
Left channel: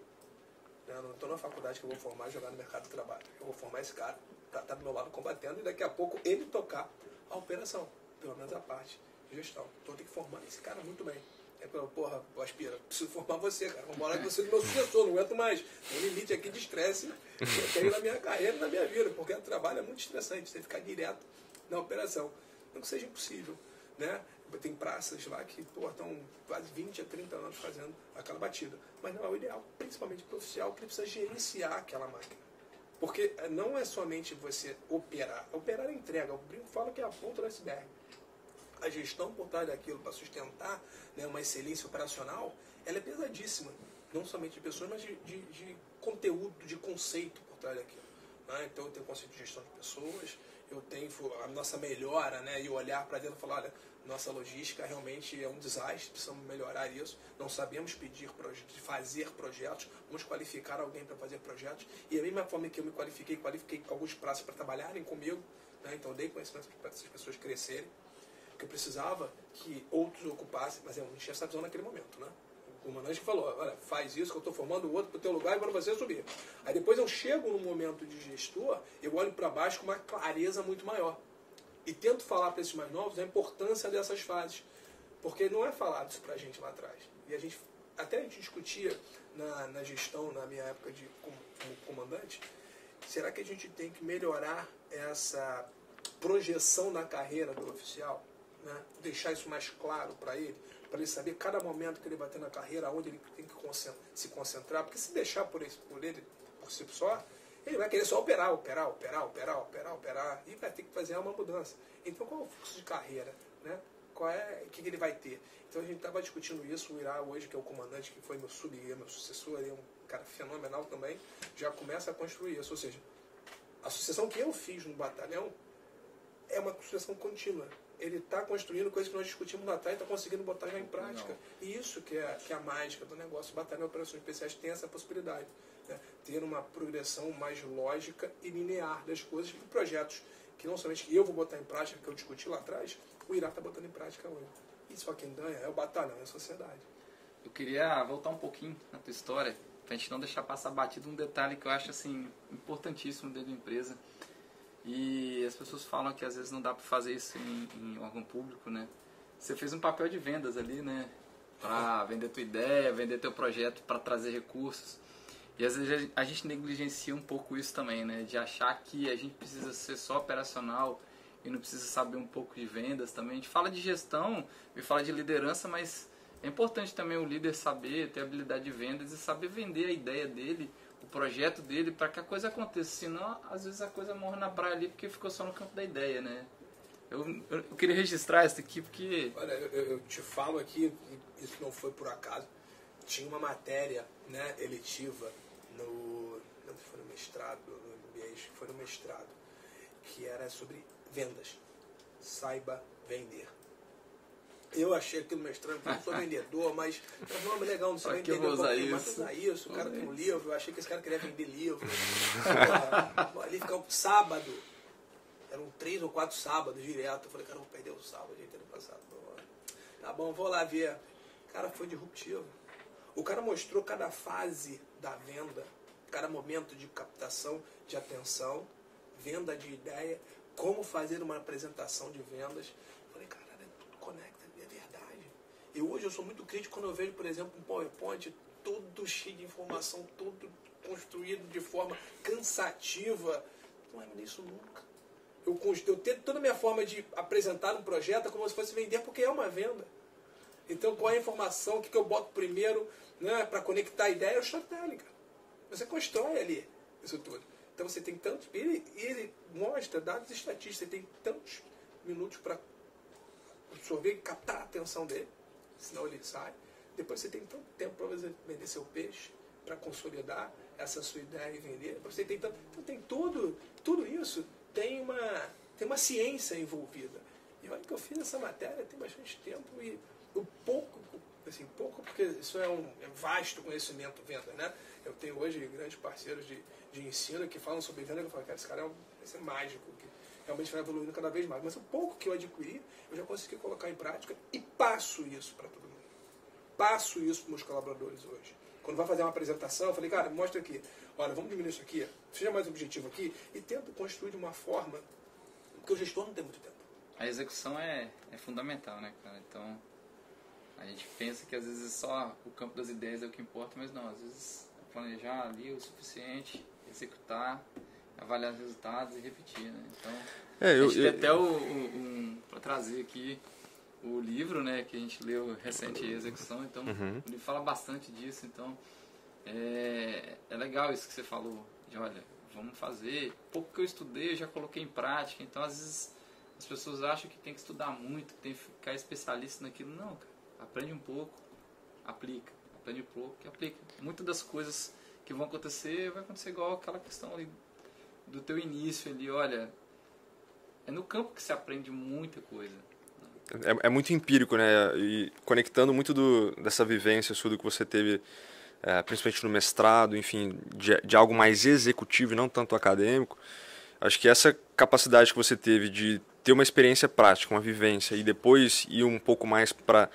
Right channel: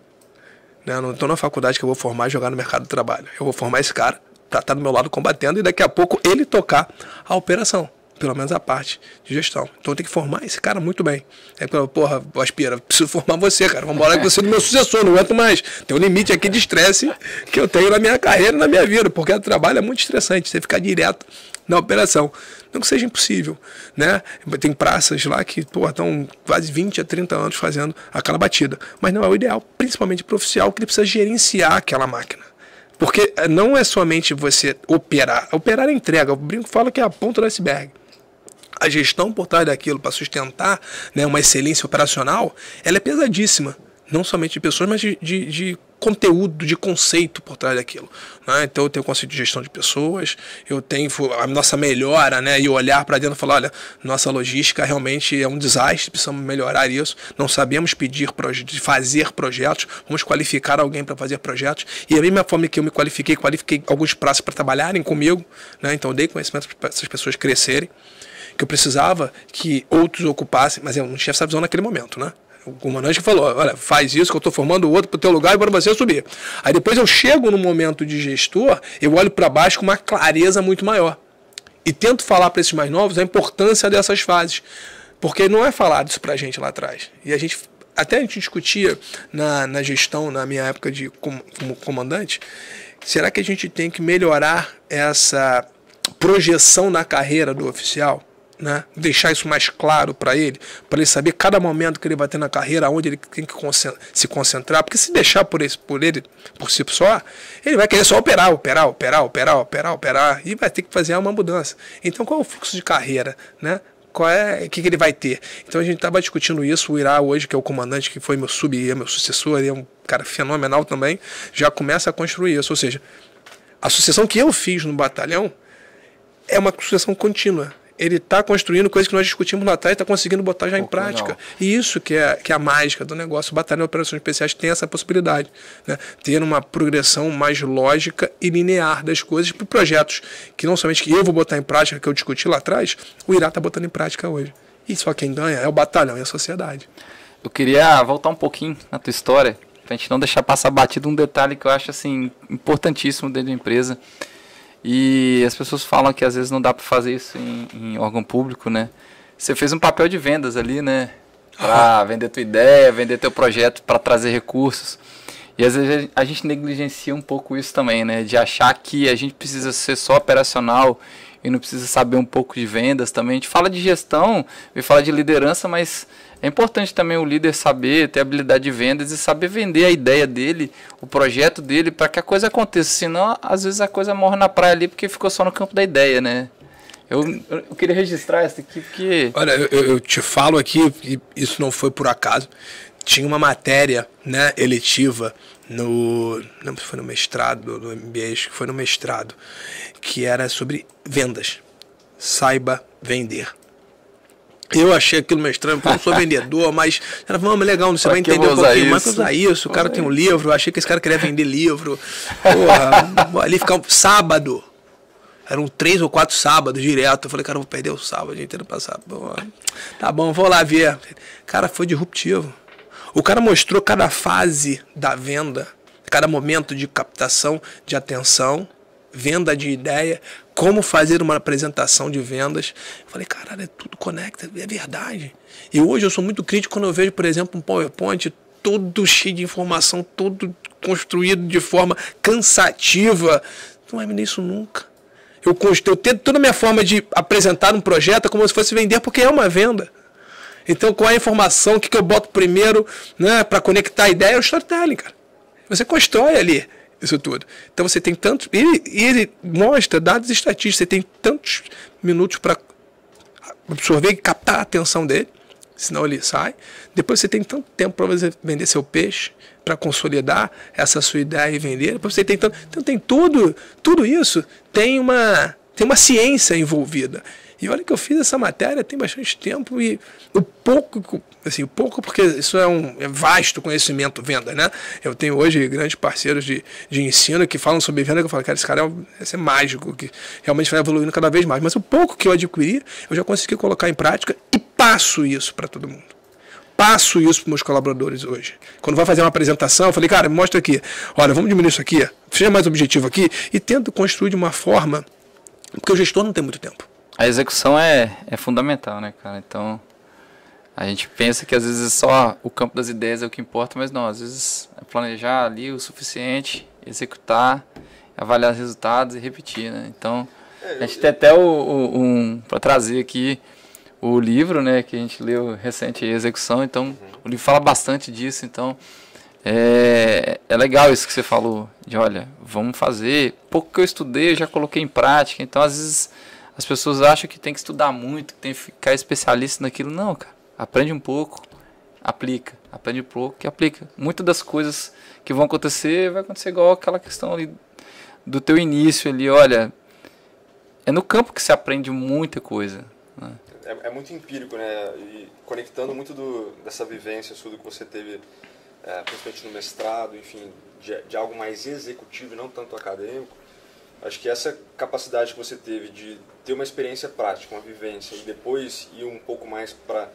Eu não estou na faculdade que eu vou formar e jogar no mercado do trabalho. Eu vou formar esse cara para estar do meu lado combatendo e daqui a pouco ele tocar a operação. Pelo menos a parte de gestão. Então eu tenho que formar esse cara muito bem. Aí, porra, Aspira, preciso formar você, cara. Vamos embora que você é do meu sucessor, não aguento mais. Tem um limite aqui de estresse que eu tenho na minha carreira e na minha vida, porque o trabalho é muito estressante, você ficar direto na operação. Não que seja impossível, né? Tem praças lá que, estão quase 20 a 30 anos fazendo aquela batida. Mas não é o ideal, principalmente para o oficial, que ele precisa gerenciar aquela máquina. Porque não é somente você operar. Operar é entrega. O brinco fala que é a ponta do iceberg. A gestão por trás daquilo para sustentar, né, uma excelência operacional, ela é pesadíssima. Não somente de pessoas, mas de conteúdo, de conceito por trás daquilo. Né? Então eu tenho o conceito de gestão de pessoas, eu tenho a nossa melhora, né, e olhar para dentro e falar, olha, nossa logística realmente é um desastre, precisamos melhorar isso, não sabemos fazer projetos, vamos qualificar alguém para fazer projetos. E da mesma forma que eu me qualifiquei alguns praças para trabalharem comigo, né? Então eu dei conhecimento para essas pessoas crescerem, que eu precisava que outros ocupassem, mas eu não tinha essa visão naquele momento, né? O comandante falou, olha, faz isso que eu estou formando o outro para o teu lugar e para você subir. Aí depois eu chego no momento de gestor, eu olho para baixo com uma clareza muito maior. E tento falar para esses mais novos a importância dessas fases. Porque não é falado isso para a gente lá atrás. E a gente discutia na gestão, na minha época como comandante, será que a gente tem que melhorar essa projeção na carreira do oficial? Né? Deixar isso mais claro para ele saber cada momento que ele vai ter na carreira, onde ele tem que se concentrar, porque se deixar por ele por si só, ele vai querer só operar, e vai ter que fazer uma mudança. Então qual é o fluxo de carreira, né? O que ele vai ter? Então a gente estava discutindo isso, o Irá hoje, que é o comandante, que foi meu meu sucessor, ele é um cara fenomenal também, já começa a construir isso, ou seja, a sucessão que eu fiz no batalhão é uma sucessão contínua. Ele está construindo coisas que nós discutimos lá atrás e está conseguindo botar já em prática. Legal. E isso que é a mágica do negócio. O Batalhão de Operações Especiais tem essa possibilidade, né? Ter uma progressão mais lógica e linear das coisas para projetos que não somente que eu vou botar em prática, que eu discuti lá atrás, o Irá está botando em prática hoje. E só quem ganha é o batalhão e a sociedade. Eu queria voltar um pouquinho na tua história, para a gente não deixar passar batido um detalhe que eu acho assim, importantíssimo dentro da empresa. E as pessoas falam que às vezes não dá para fazer isso em órgão público, né? Você fez um papel de vendas ali, né? Para vender tua ideia, vender teu projeto, para trazer recursos. E às vezes a gente negligencia um pouco isso também, né? De achar que a gente precisa ser só operacional e não precisa saber um pouco de vendas também. A gente fala de gestão e fala de liderança, mas é importante também o líder saber, ter habilidade de vendas e saber vender a ideia dele, o projeto dele, para que a coisa aconteça. Senão, às vezes, a coisa morre na praia ali porque ficou só no campo da ideia, né? Eu queria registrar isso aqui porque... Olha, eu te falo aqui, e isso não foi por acaso. Tinha uma matéria, né, eletiva não sei se foi no mestrado, no MBA, acho que foi no mestrado, que era sobre vendas. Saiba vender. Eu achei aquilo meio estranho, porque eu não sou vendedor, mas era legal, você vai entender um pouquinho mais para usar isso. O cara tem um livro, eu achei que esse cara queria vender livro. Porra, ali ficava sábado. Eram 3 ou 4 sábados direto. Eu falei, cara, eu vou perder o sábado inteiro para sábado. Tá bom, vou lá ver. Cara, foi disruptivo. O cara mostrou cada fase da venda, cada momento de captação de atenção, venda de ideia, como fazer uma apresentação de vendas. Eu falei, caralho, é tudo conecta, é verdade. E hoje eu sou muito crítico quando eu vejo, por exemplo, um PowerPoint todo cheio de informação, todo construído de forma cansativa. Não vai vender isso nunca. Eu tento toda a minha forma de apresentar um projeto como se fosse vender, porque é uma venda. Então, qual é a informação, o que eu boto primeiro, né, para conectar a ideia? É o storytelling, cara. Você constrói ali isso tudo. Então você tem tantos... Ele mostra dados estatísticos. Você tem tantos minutos para absorver e captar a atenção dele, senão ele sai. Depois você tem tanto tempo para você vender seu peixe, para consolidar essa sua ideia e vender. Depois você tem tanto... Então tem tudo isso. Tem uma ciência envolvida. E olha que eu fiz essa matéria tem bastante tempo e o pouco porque isso é vasto conhecimento venda, né? Eu tenho hoje grandes parceiros de ensino que falam sobre venda, que eu falo, cara, esse cara é mágico, que realmente vai evoluindo cada vez mais. Mas o pouco que eu adquiri, eu já consegui colocar em prática e passo isso para todo mundo. Passo isso para os meus colaboradores hoje. Quando vai fazer uma apresentação, eu falei, cara, me mostra aqui. Olha, vamos diminuir isso aqui, seja mais objetivo aqui e tento construir de uma forma, porque o gestor não tem muito tempo. A execução é fundamental, né, cara? Então, a gente pensa que às vezes só o campo das ideias é o que importa, mas não, às vezes é planejar ali o suficiente, executar, avaliar os resultados e repetir, né? Então, a gente tem até para trazer aqui o livro, né, que a gente leu recente, Execução, então o livro fala bastante disso, então É legal isso que você falou, de olha, vamos fazer, pouco que eu estudei eu já coloquei em prática, então às vezes as pessoas acham que tem que estudar muito, que tem que ficar especialista naquilo. Não, cara, aprende um pouco, aplica, aprende um pouco e aplica. Muitas das coisas que vão acontecer, vai acontecer igual aquela questão ali do teu início ali, olha, é no campo que se aprende muita coisa. Né? É muito empírico, né? E conectando muito dessa vivência sua, do que você teve, principalmente no mestrado, enfim, de algo mais executivo e não tanto acadêmico. Acho que essa capacidade que você teve de ter uma experiência prática, uma vivência, e depois ir um pouco mais para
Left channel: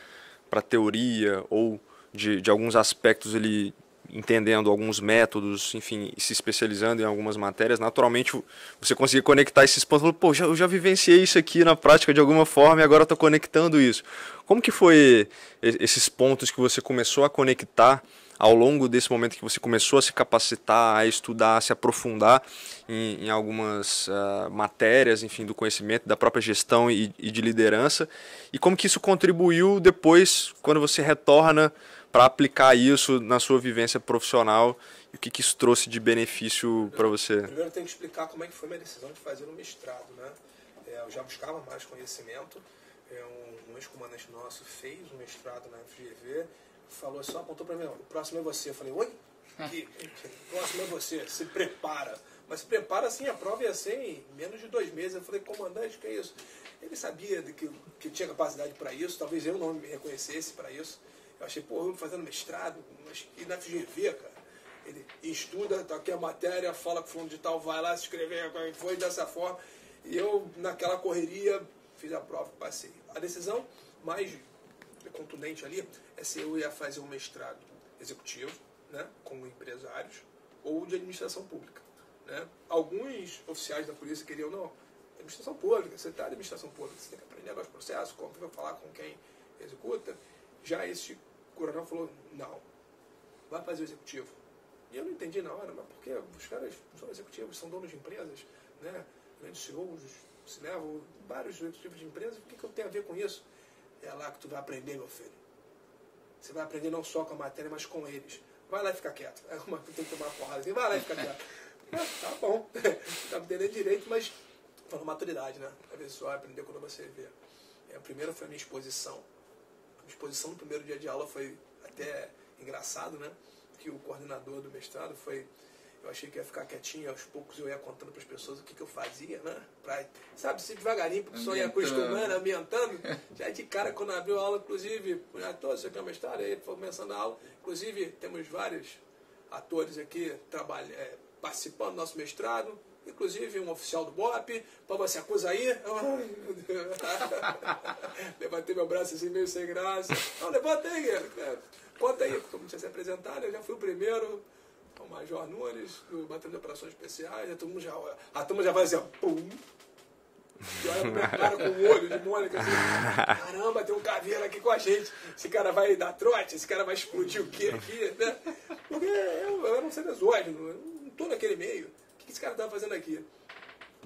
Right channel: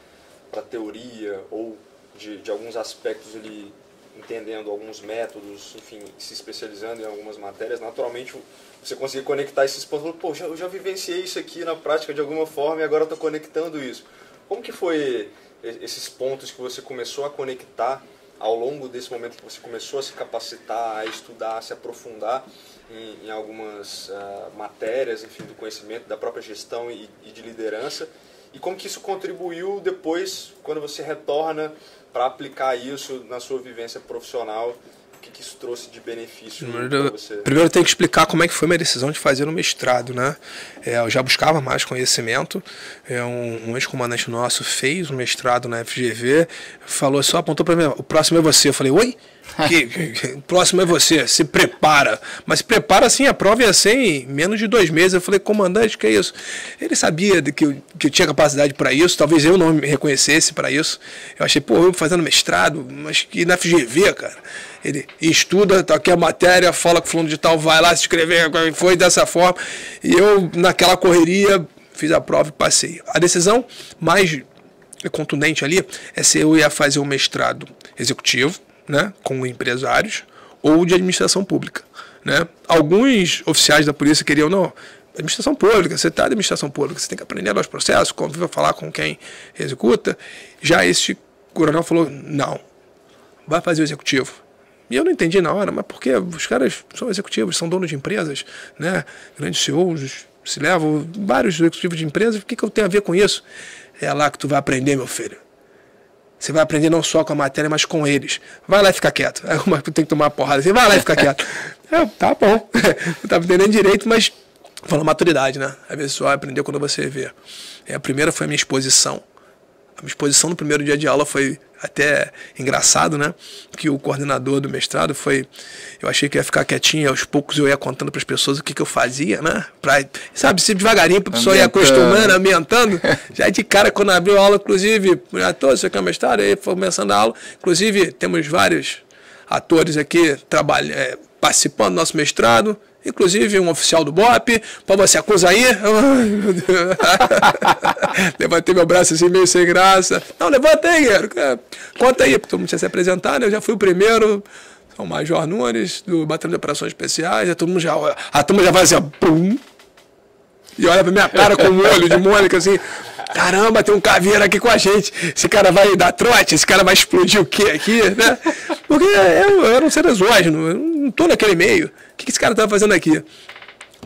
a teoria ou de alguns aspectos ali, entendendo alguns métodos, enfim, se especializando em algumas matérias, naturalmente você conseguir conectar esses pontos. Pô, eu já vivenciei isso aqui na prática de alguma forma e agora estou conectando isso. Como que foi esses pontos que você começou a conectar ao longo desse momento que você começou a se capacitar, a estudar, a se aprofundar em algumas matérias, enfim, do conhecimento, da própria gestão e de liderança, e como que isso contribuiu depois, quando você retorna para aplicar isso na sua vivência profissional, o que isso trouxe de benefício para você? Primeiro eu tenho que explicar como é que foi minha decisão de fazer o mestrado, né? Eu já buscava mais conhecimento, um ex-comandante nosso fez um mestrado na FGV, falou só, apontou para mim, o próximo é você. Eu falei, oi? O próximo é você, se prepara. Mas se prepara assim, a prova ia ser em menos de 2 meses. Eu falei, comandante, que é isso? Ele sabia que eu tinha capacidade para isso, talvez eu não me reconhecesse para isso. Eu achei, pô, eu fazendo mestrado, mas que na FGV, cara. Ele estuda, tá aqui a matéria, fala com o fulano de tal, vai lá se inscrever, foi dessa forma. E eu, naquela correria, fiz a prova e passei. A decisão mais contundente ali é se eu ia fazer um mestrado executivo, né, com empresários, ou de administração pública, né? Alguns oficiais da polícia queriam, não, administração pública, você está de administração pública, você tem que aprender os processos, conviver, falar com quem executa. Já esse coronel falou, não, vai fazer o executivo. E eu não entendi na hora, mas porque os caras são executivos, são donos de empresas, né, grandes CEOs, se levam vários executivos de empresas, o que eu tenho a ver com isso? É lá que tu vai aprender, meu filho. Você vai aprender não só com a matéria, mas com eles. Vai lá e fica quieto. Aí uma tem que tomar uma porrada. Você vai lá e fica quieto. Tá bom. Não estava entendendo direito, mas falando maturidade, né? Às vezes só aprender quando você vê. A primeira foi a minha exposição. A minha exposição no primeiro dia de aula foi até engraçado, né? Que o coordenador do mestrado foi... Eu achei que ia ficar quietinho, aos poucos eu ia contando para as pessoas o que eu fazia, né? Sabe, se devagarinho, para a pessoa ir acostumando, ambientando. Já de cara, quando abriu a aula, inclusive, atores, você quer mestrado, aí foi começando a aula. Inclusive, temos vários atores aqui participando do nosso mestrado. Inclusive um oficial do BOP, pô, você acusa aí? Ai, meu Deus. Levantei meu braço assim, meio sem graça. Não, levanta aí, guerreiro. Conta aí, porque todo mundo tinha se apresentado, né? Eu já fui o primeiro, sou o Major Nunes, do Batalhão de Operações Especiais, a turma já vai assim, ó, pum, e olha pra minha cara com um olho de Mônica, assim, caramba, tem um caveiro aqui com a gente, esse cara vai dar trote, esse cara vai explodir o quê aqui, né? Porque eu era um ser exógeno, eu não tô naquele meio. O que esse cara tá fazendo aqui?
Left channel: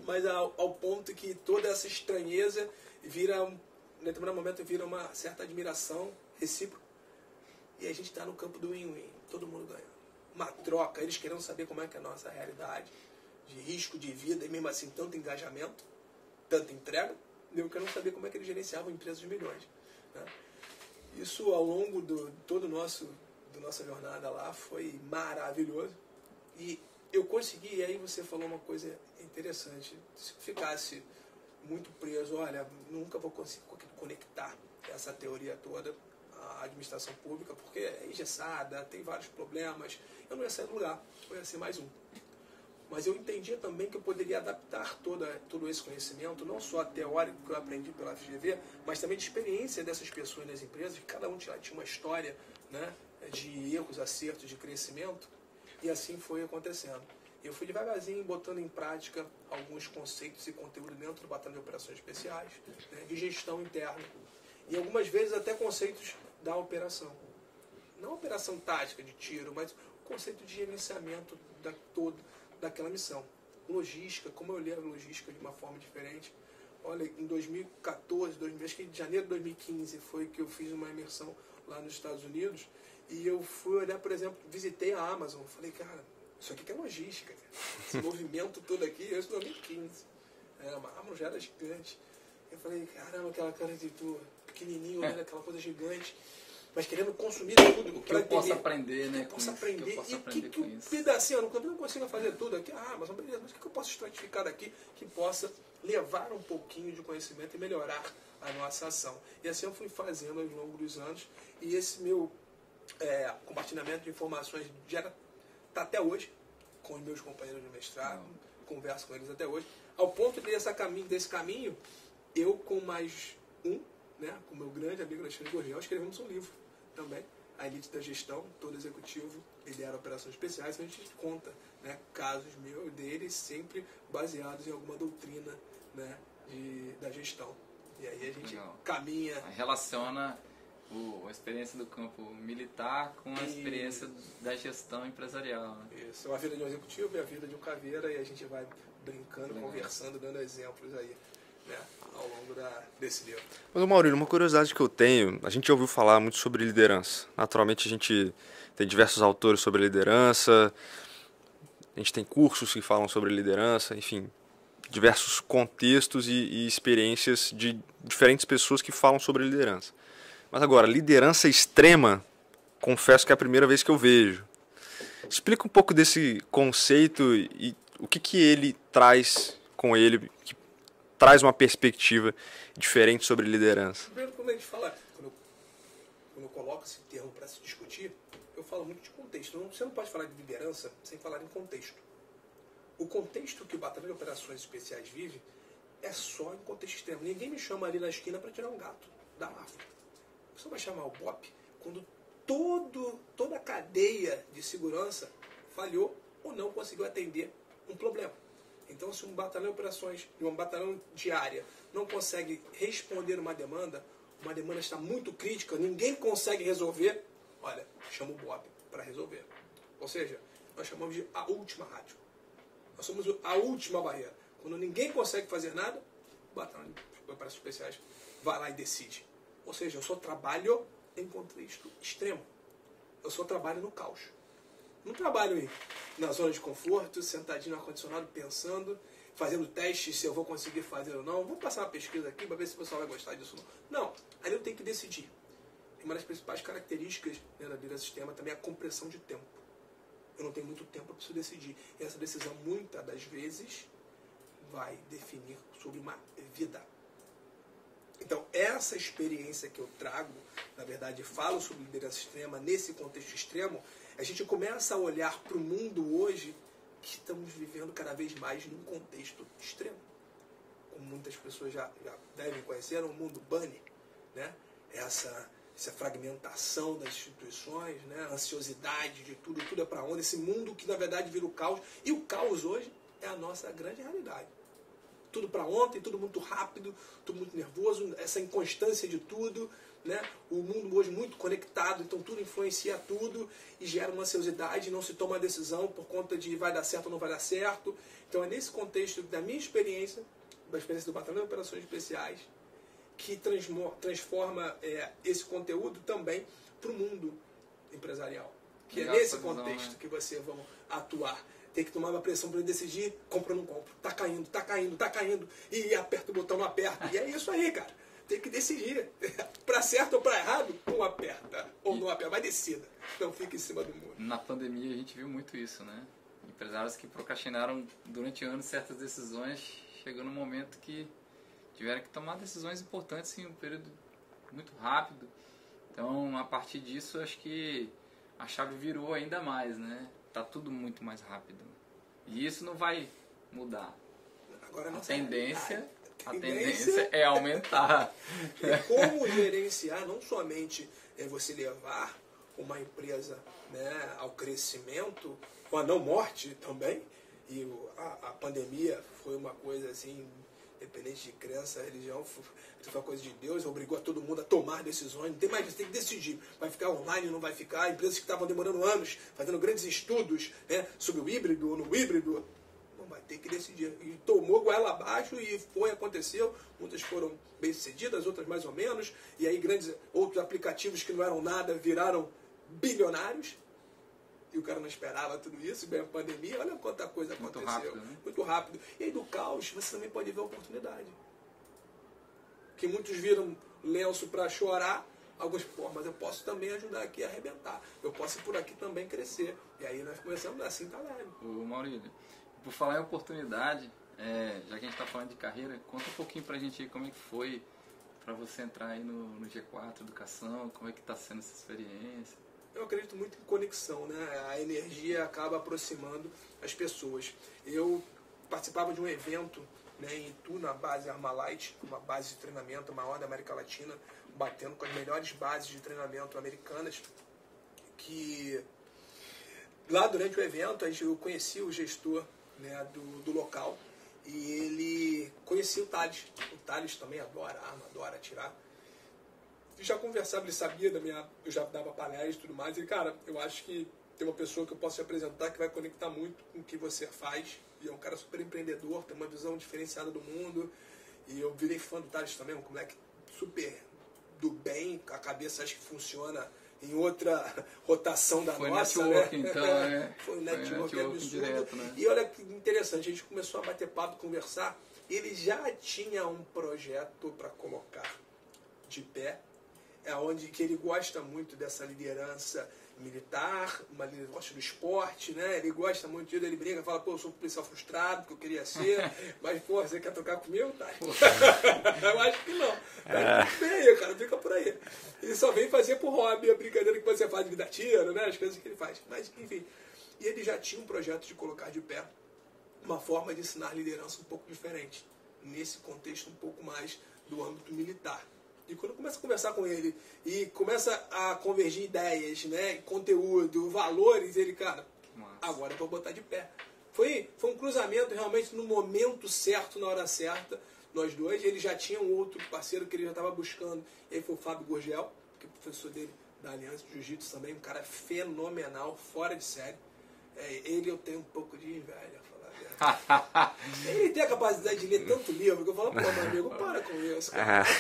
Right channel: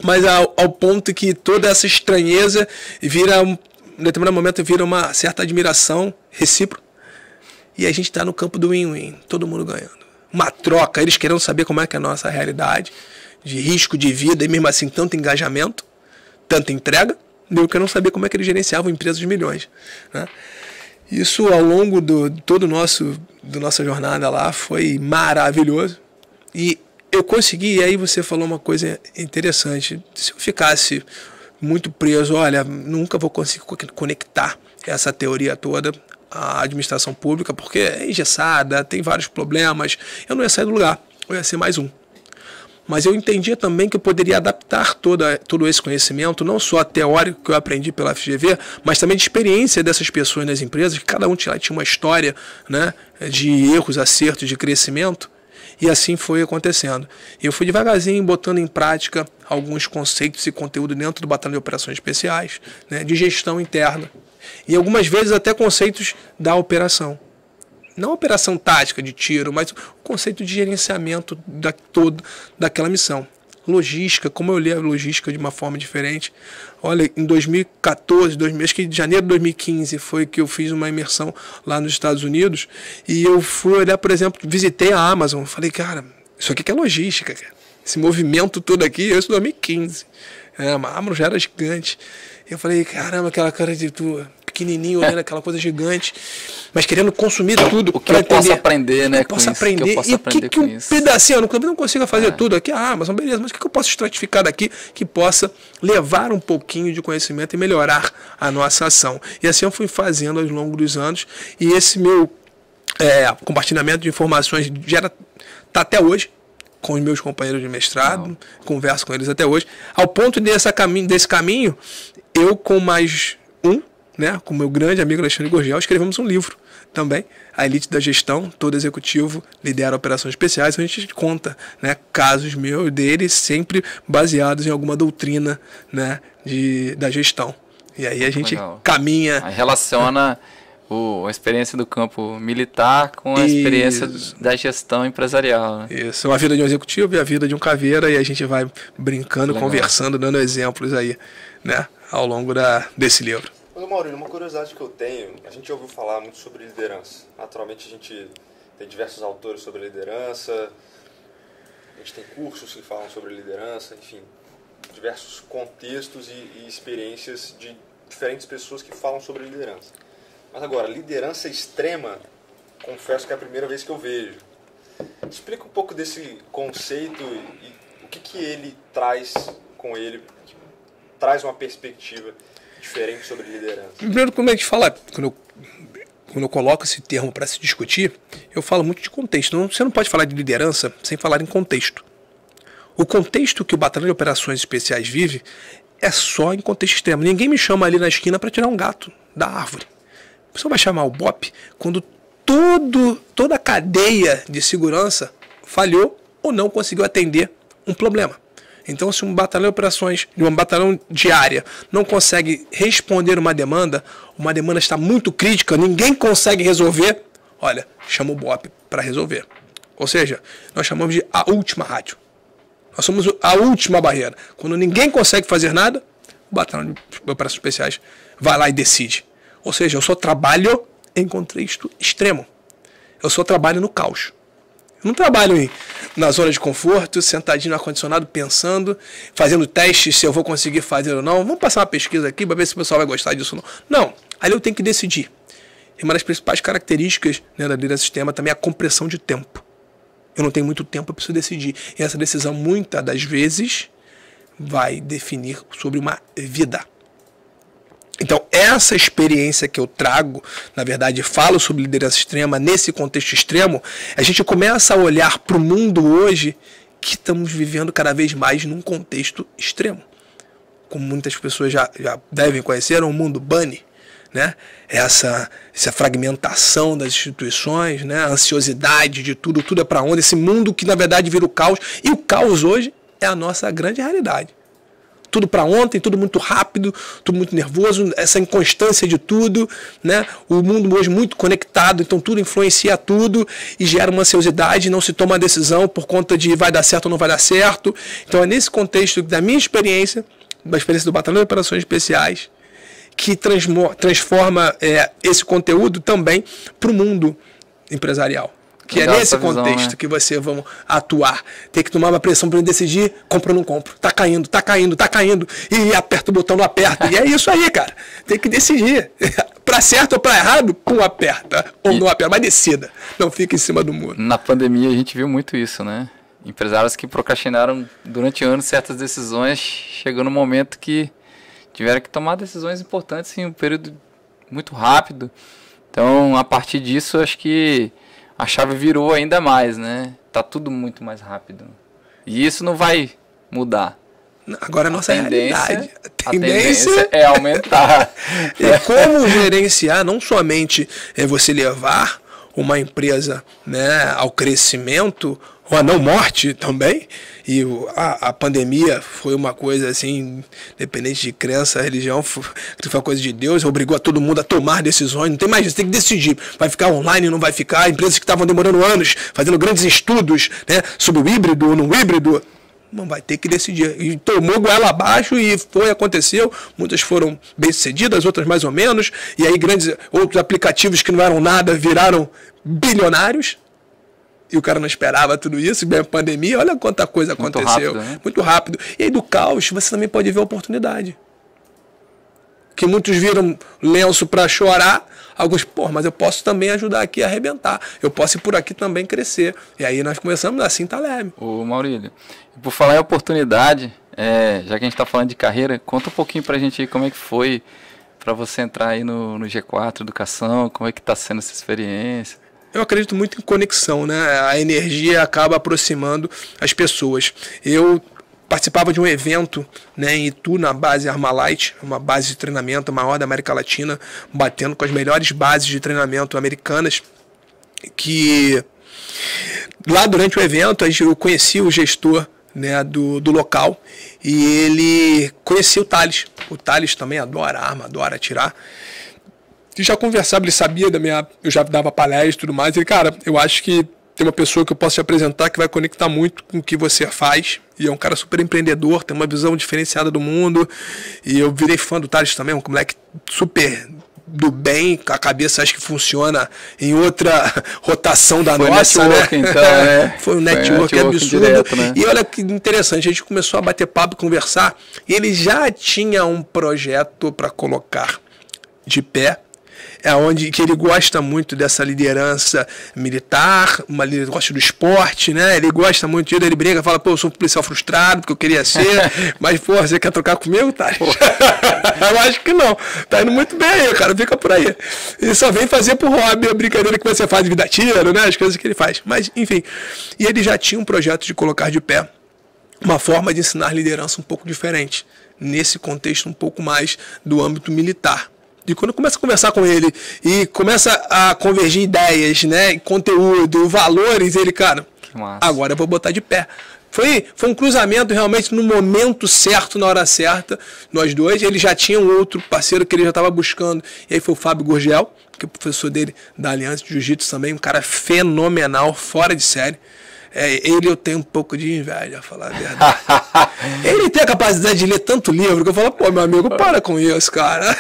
Mas ao ponto que toda essa estranheza vira, em determinado momento, vira uma certa admiração recíproca. E a gente tá no campo do win-win, todo mundo ganhando. Uma troca, eles querendo saber como é que é a nossa realidade, de risco de vida, e mesmo assim tanto engajamento, tanta entrega, eu quero saber como é que eles gerenciavam empresas de milhões, né? Isso ao longo da nossa jornada lá foi maravilhoso. E eu consegui, e aí você falou uma coisa interessante. Se eu ficasse muito preso, olha, nunca vou conseguir conectar essa teoria toda à administração pública, porque é engessada, tem vários problemas, eu não ia sair do lugar, eu ia ser mais um. Mas eu entendia também que eu poderia adaptar todo esse conhecimento, não só teórico que eu aprendi pela FGV, mas também de experiência dessas pessoas nas empresas, que cada um tinha uma história, né, de erros, acertos, de crescimento, e assim foi acontecendo. Eu fui devagarzinho botando em prática alguns conceitos e conteúdo dentro do Batalhão de Operações Especiais, né, de gestão interna, e algumas vezes até conceitos da operação. Não a operação tática de tiro, mas o conceito de gerenciamento daquela missão. logística, como eu li a logística de uma forma diferente. Olha, em 2014, acho que em janeiro de 2015 foi que eu fiz uma imersão lá nos Estados Unidos e eu fui olhar, por exemplo, visitei a Amazon. Falei, cara, isso aqui que é logística, cara. Esse movimento todo aqui, isso em 2015. A Amazon já era gigante. Eu falei, caramba, aquela cara de tu pequenininho, olhando aquela coisa gigante, mas querendo consumir tudo. O que eu posso aprender, né? O que eu posso aprender. E o que um pedacinho, eu não consigo fazer tudo aqui, Amazon, beleza, mas o que eu posso estratificar daqui que possa levar um pouquinho de conhecimento e melhorar a nossa ação? E assim eu fui fazendo ao longo dos anos, e esse meu compartilhamento de informações está até hoje com os meus companheiros de mestrado, converso com eles até hoje, ao ponto desse caminho, eu com mais com o meu grande amigo Alexandre Gurgel, escrevemos um livro também, A Elite da Gestão, todo executivo lidera operações especiais, a gente conta, né, casos meus e deles, sempre baseados em alguma doutrina, né, da gestão. E aí a gente caminha... Aí relaciona a experiência do campo militar com a experiência da gestão empresarial. Né? Isso, a vida de um executivo e a vida de um caveira, e a gente vai brincando, conversando, dando exemplos aí, né, ao longo desse livro. Mas, Maurílio, uma curiosidade que eu tenho, a gente ouviu falar muito sobre liderança. Naturalmente, a gente tem diversos autores sobre liderança, a gente tem cursos que falam sobre liderança, enfim, diversos contextos e experiências de diferentes pessoas que falam sobre liderança. Mas agora, liderança extrema, confesso que é a primeira vez que eu vejo. Explica um pouco desse conceito e o que ele traz com ele, que traz uma perspectiva diferente sobre liderança. Primeiro, como a gente fala, quando eu coloco esse termo para se discutir, eu falo muito de contexto. Você não pode falar de liderança sem falar em contexto. O contexto que o Batalhão de Operações Especiais vive é só em contexto extremo. Ninguém me chama ali na esquina para tirar um gato da árvore. A pessoa vai chamar o BOP quando toda a cadeia de segurança falhou ou não conseguiu atender um problema. Então, se um batalhão de operações, um batalhão de área, não consegue responder uma demanda está muito crítica, ninguém consegue resolver, olha, chama o BOP para resolver. Ou seja, nós chamamos de a última rádio. Nós somos a última barreira. Quando ninguém consegue fazer nada, o batalhão de operações especiais vai lá e decide. Ou seja, eu só trabalho em contexto extremo. Eu só trabalho no caos. Eu não trabalho na zona de conforto, sentadinho no ar-condicionado, pensando, fazendo testes se eu vou conseguir fazer ou não. Vamos passar uma pesquisa aqui para ver se o pessoal vai gostar disso ou não. Não, ali eu tenho que decidir. E uma das principais características, né, da liderança sistema também é a compressão de tempo. Eu não tenho muito tempo, eu preciso decidir. E essa decisão, muitas das vezes, vai definir sobre uma vida. Então, essa experiência que eu trago, na verdade, falo sobre liderança extrema, nesse contexto extremo, a gente começa a olhar para o mundo hoje que estamos vivendo cada vez mais num contexto extremo. Como muitas pessoas já devem conhecer, é um mundo bunny, né? Essa fragmentação das instituições, né? A ansiosidade de tudo é para onde? Esse mundo que, na verdade, vira o caos. E o caos hoje é a nossa grande realidade. Tudo para ontem, tudo muito rápido, tudo muito nervoso, essa inconstância de tudo, né? O mundo hoje muito conectado, então tudo influencia tudo e gera uma ansiosidade, não se toma a decisão por conta de vai dar certo ou não vai dar certo. Então é nesse contexto da minha experiência, da experiência do Batalhão de Operações Especiais, que transforma esse conteúdo também para o mundo empresarial. Que legal, é nesse contexto visão, né? Que você vai atuar. Tem que tomar uma pressão para decidir, compro ou não compro. Tá caindo. E aperta o botão, não aperta. E é isso aí, cara. Tem que decidir. Para certo ou para errado, aperta. Ou não aperta, mas decida. Não fica em cima do muro. Na pandemia a gente viu muito isso, né? Empresários que procrastinaram durante anos certas decisões, chegou no momento que tiveram que tomar decisões importantes em um período muito rápido. Então, a partir disso, acho que a chave virou ainda mais, né? Tá tudo muito mais rápido. E isso não vai mudar. Agora a nossa realidade. A tendência é aumentar. E como gerenciar, não somente você levar uma empresa, né, ao crescimento, ou a não morte também. E a pandemia foi uma coisa assim, independente de crença, religião, foi uma coisa de Deus, obrigou a todo mundo a tomar decisões, não tem mais isso, tem que decidir, vai ficar online ou não vai ficar, empresas que estavam demorando anos, fazendo grandes estudos, né, sobre o híbrido ou não híbrido, Não vai ter que decidir. E tomou goela abaixo e aconteceu. Muitas foram bem-sucedidas, outras mais ou menos. E aí outros aplicativos que não eram nada viraram bilionários. E o cara não esperava tudo isso. Bem, a pandemia, olha quanta coisa aconteceu. Rápido, né? Muito rápido. E aí do caos você também pode ver a oportunidade. Que muitos viram lenço para chorar. Alguns, mas eu posso também ajudar aqui a arrebentar. Eu posso ir por aqui também crescer. E aí nós começamos assim, tá leve. Ô Maurílio, por falar em oportunidade, já que a gente está falando de carreira, conta um pouquinho pra gente aí como é que foi para você entrar aí no G4 Educação, como é que está sendo essa experiência. Eu acredito muito em conexão, né? A energia acaba aproximando as pessoas. Eu participava de um evento, né, em Itu, na base Armalite, uma base de treinamento maior da América Latina, batendo com as melhores bases de treinamento americanas, que lá durante o evento eu conheci o gestor, né, do local, e ele conhecia o Thales. O Thales também adora arma, adora atirar. E já conversava, ele sabia eu já dava palestra e tudo mais, e cara, eu acho que tem uma pessoa que eu posso te apresentar que vai conectar muito com o que você faz. E é um cara super empreendedor, tem uma visão diferenciada do mundo. E eu virei fã do Thales também, um moleque super do bem, a cabeça acho que funciona em outra rotação da nossa, né? Então, Foi um network absurdo. Direto, né? E olha que interessante, a gente começou a bater papo e conversar. E ele já tinha um projeto para colocar de pé. Que ele gosta muito dessa liderança militar, ele gosta do esporte, né? Ele gosta muito disso, ele briga, fala, pô, eu sou um policial frustrado, porque eu queria ser, mas, pô, você quer trocar comigo, tá? Eu acho que não. Tá indo muito bem aí, cara, fica por aí. Ele só vem fazer por hobby a brincadeira que você faz de vida tiro, né? As coisas que ele faz. Mas, enfim. E ele já tinha um projeto de colocar de pé uma forma de ensinar liderança um pouco diferente, nesse contexto um pouco mais do âmbito militar. E quando começa a conversar com ele e começa a convergir ideias, né, conteúdo, valores, ele, cara, agora eu vou botar de pé. Foi um cruzamento realmente no momento certo, na hora certa, nós dois. Ele já tinha um outro parceiro que ele já estava buscando, e aí foi o Fábio Gurgel, que é o professor dele da Aliança de Jiu-Jitsu também, um cara fenomenal, fora de série. Ele eu tenho um pouco de inveja, a falar a verdade. Ele tem a capacidade de ler tanto livro que eu falo, pô, meu amigo, para com isso, cara.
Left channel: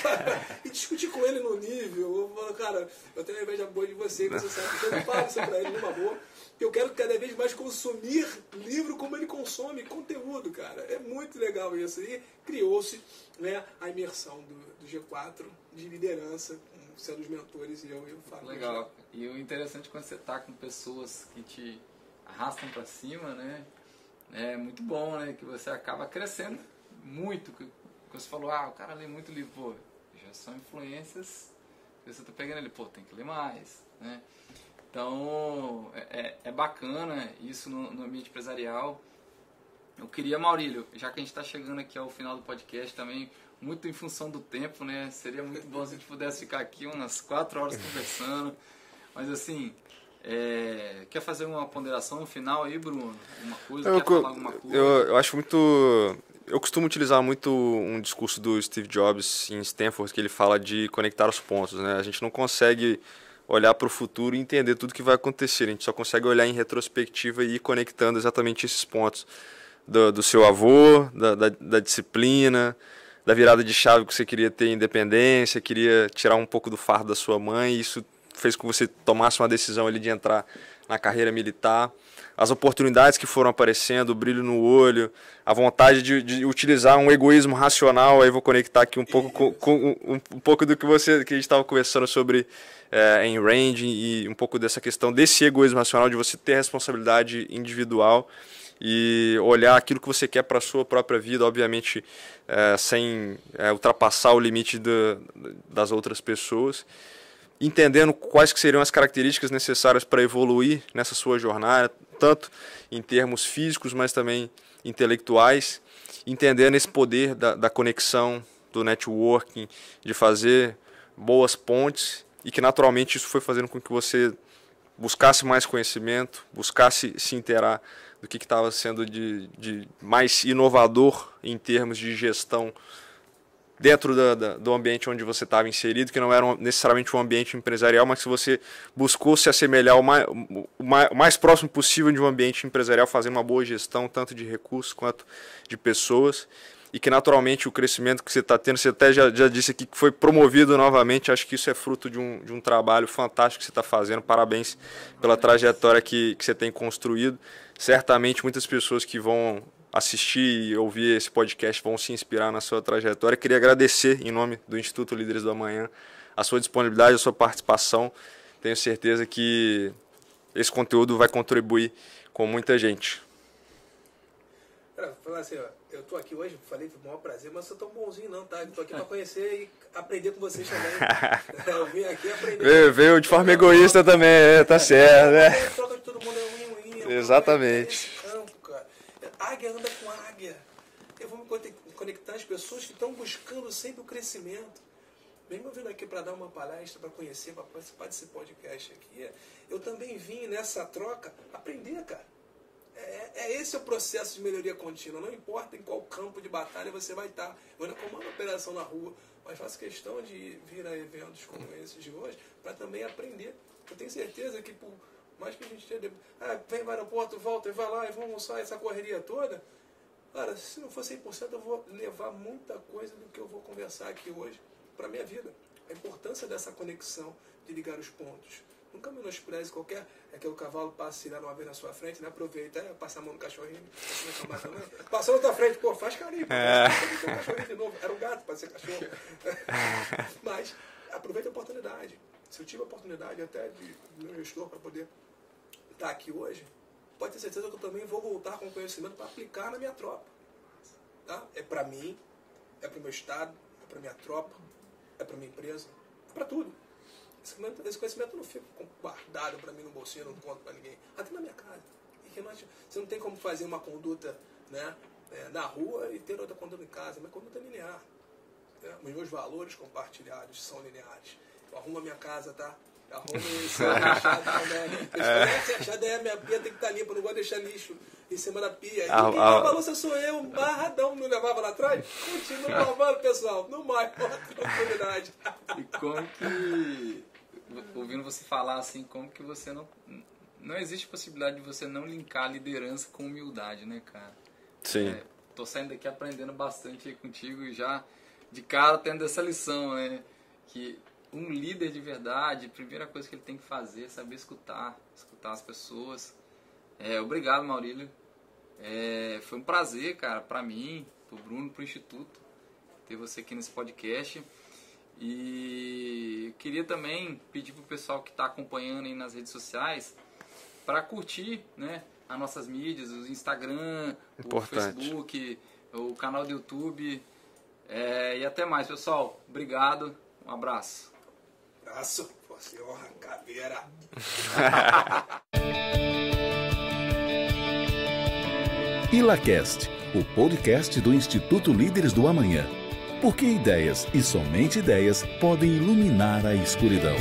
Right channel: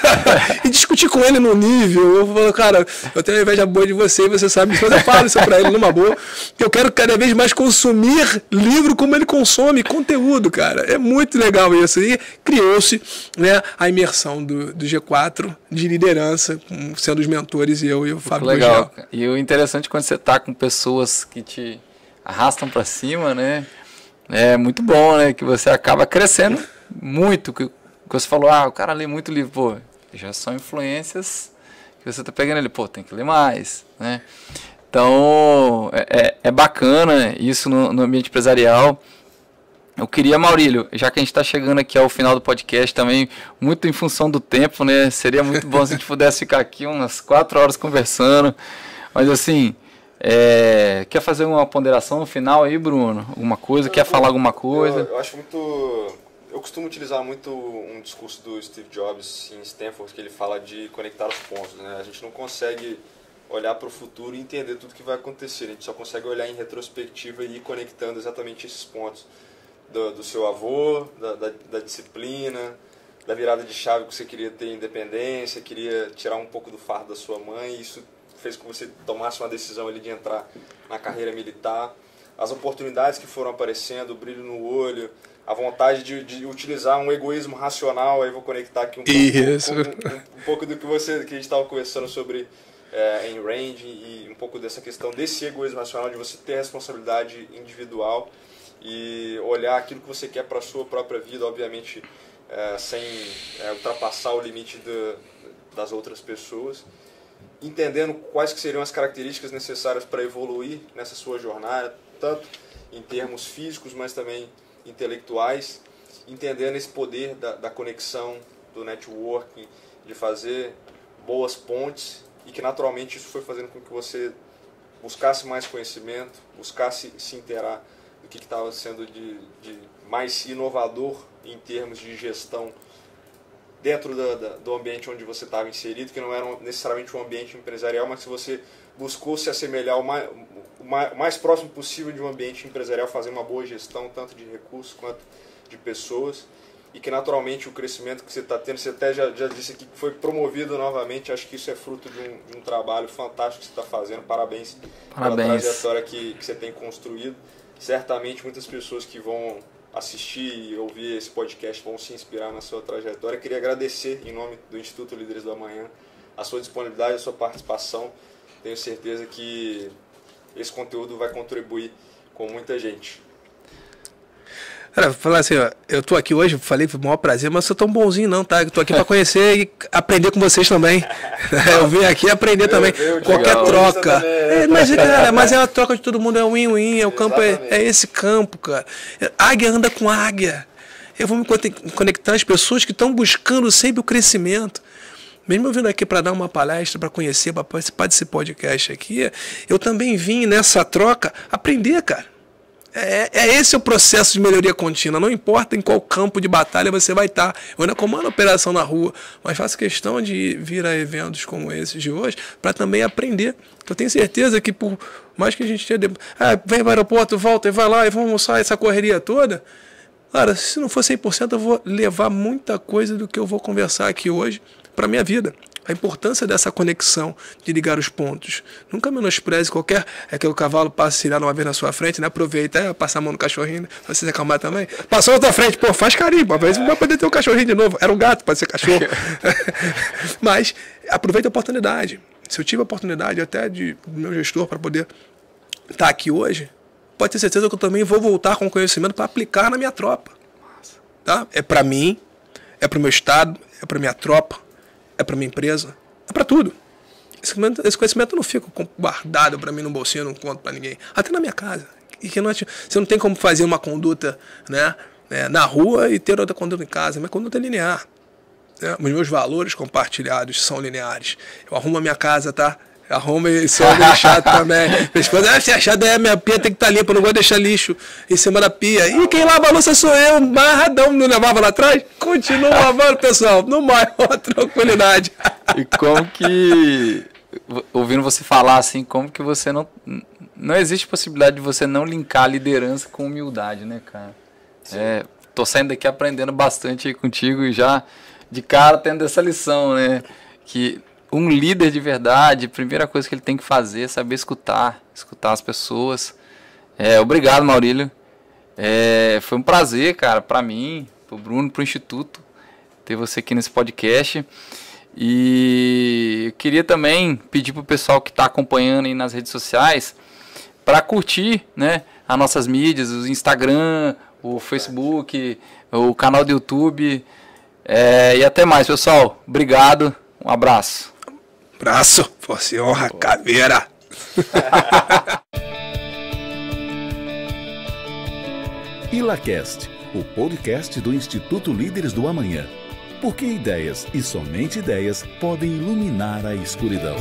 E discutir com ele no nível, eu falo, cara, eu tenho uma inveja boa de você, e você sabe disso, mas eu falo isso pra ele numa boa, que eu quero cada vez mais consumir livro como ele consome conteúdo, cara. É muito legal isso. E criou-se, né, a imersão do G4 de liderança, sendo os mentores, eu e o Fábio Legal. Gurgel. E o interessante quando você tá com pessoas que te arrastam para cima, né? É muito bom, né? Que você acaba crescendo muito. Que você falou, o cara lê muito livro, pô, já são influências que você tá pegando ele, pô, tem que ler mais, né? Então, é bacana isso no ambiente empresarial. Eu queria, Maurílio, já que a gente está chegando aqui ao final do podcast também, muito em função do tempo, né? Seria muito bom se a gente pudesse ficar aqui umas 4 horas conversando, mas assim... quer fazer uma ponderação no final aí, Bruno? Alguma coisa? Quer falar alguma coisa? Eu acho muito... Eu costumo utilizar muito um discurso do Steve Jobs em Stanford, que ele fala de conectar os pontos, né? A gente não consegue olhar para o futuro e entender tudo que vai acontecer. A gente só consegue olhar em retrospectiva e ir conectando exatamente esses pontos do seu avô, da disciplina, da virada de chave que você queria ter independência, queria tirar um pouco do fardo da sua mãe, e isso fez com que você tomasse uma decisão ali de entrar na carreira militar, as oportunidades que foram aparecendo, o brilho no olho, a vontade de utilizar um egoísmo racional. Aí vou conectar aqui um pouco do que a gente estava conversando sobre em Range, e um pouco dessa questão desse egoísmo racional, de você ter responsabilidade individual e olhar aquilo que você quer para a sua própria vida, obviamente sem ultrapassar o limite das outras pessoas, entendendo quais que seriam as características necessárias para evoluir nessa sua jornada, tanto em termos físicos, mas também intelectuais, entendendo esse poder da conexão, do networking, de fazer boas pontes, e que naturalmente isso foi fazendo com que você buscasse mais conhecimento, buscasse se inteirar do que estava sendo de mais inovador em termos de gestão dentro do ambiente onde você estava inserido, que não era necessariamente um ambiente empresarial, mas que você buscou se assemelhar o mais próximo possível de um ambiente empresarial, fazer uma boa gestão, tanto de recursos quanto de pessoas, e que naturalmente o crescimento que você está tendo, você até já disse aqui que foi promovido novamente, acho que isso é fruto de um trabalho fantástico que você está fazendo, parabéns pela trajetória que você tem construído. Certamente muitas pessoas que vão assistir e ouvir esse podcast vão se inspirar na sua trajetória. Queria agradecer, em nome do Instituto Líderes do Amanhã, a sua disponibilidade, a sua participação. Tenho certeza que esse conteúdo vai contribuir com muita gente. Cara, vou falar assim, ó, eu tô aqui hoje, falei que foi o maior prazer, mas eu sou tão bonzinho não, tá? Eu tô aqui para conhecer e aprender com vocês também. Eu vim aqui aprender também. Qualquer troca. Também, mas é a troca de todo mundo, é win-win, é o campo, é esse campo, cara. Águia anda com águia. Eu vou me conectar às pessoas que estão buscando sempre o crescimento. Mesmo eu vindo aqui para dar uma palestra, para conhecer, para participar desse podcast aqui, eu também vim nessa troca aprender, cara. Esse o processo de melhoria contínua. Não importa em qual campo de batalha você vai estar. Eu ainda comando a operação na rua, mas faço questão de vir a eventos como esses de hoje para também aprender. Eu tenho certeza que por mais que a gente tenha... vem para o aeroporto, volta e vai lá e vamos almoçar essa correria toda. Cara, se não for 100%, eu vou levar muita coisa do que eu vou conversar aqui hoje para a minha vida. A importância dessa conexão, de ligar os pontos. Nunca menospreze qualquer... É que o cavalo passa a cirar uma vez na sua frente, né? Aproveita, passar a mão no cachorrinho, pra você se acalmar também. Passou na tua frente, pô, faz carinho, uma vez não vai poder ter um cachorrinho de novo. Era um gato, pode ser cachorro. Mas aproveita a oportunidade. Se eu tive a oportunidade até do meu gestor para poder estar aqui hoje, pode ter certeza que eu também vou voltar com conhecimento para aplicar na minha tropa. Tá? É para mim, é para o meu estado, é para minha tropa, é para minha empresa, é para tudo. Esse conhecimento não fica guardado para mim no bolsinho, eu não conto para ninguém. Até na minha casa. E que você não tem como fazer uma conduta, né, na rua e ter outra conduta em casa. Minha conduta é linear. Né? Os meus valores compartilhados são lineares. Eu arrumo a minha casa, tá? Arruma e sou chato também. Se achar minha pia tem que estar limpa, eu não vou deixar lixo em cima da pia. E quem lava a louça sou eu, marradão, não levava lá atrás? Continua lavando, pessoal, no maior tranquilidade. E como que, ouvindo você falar assim, como que você não existe possibilidade de você não linkar a liderança com humildade, né, cara? Tô saindo daqui aprendendo bastante aí contigo e já de cara tendo essa lição, né? Que um líder de verdade, a primeira coisa que ele tem que fazer é saber escutar as pessoas. Obrigado, Maurílio. Foi um prazer, cara, para mim, pro Bruno, pro Instituto, ter você aqui nesse podcast. E eu queria também pedir pro pessoal que está acompanhando aí nas redes sociais para curtir, né, as nossas mídias, o Instagram, o Facebook, o canal do YouTube. E até mais, pessoal. Obrigado. Um abraço. Abraço, força e honra, caveira. ILACast, o podcast do Instituto Líderes do Amanhã. Porque ideias e somente ideias podem iluminar a escuridão.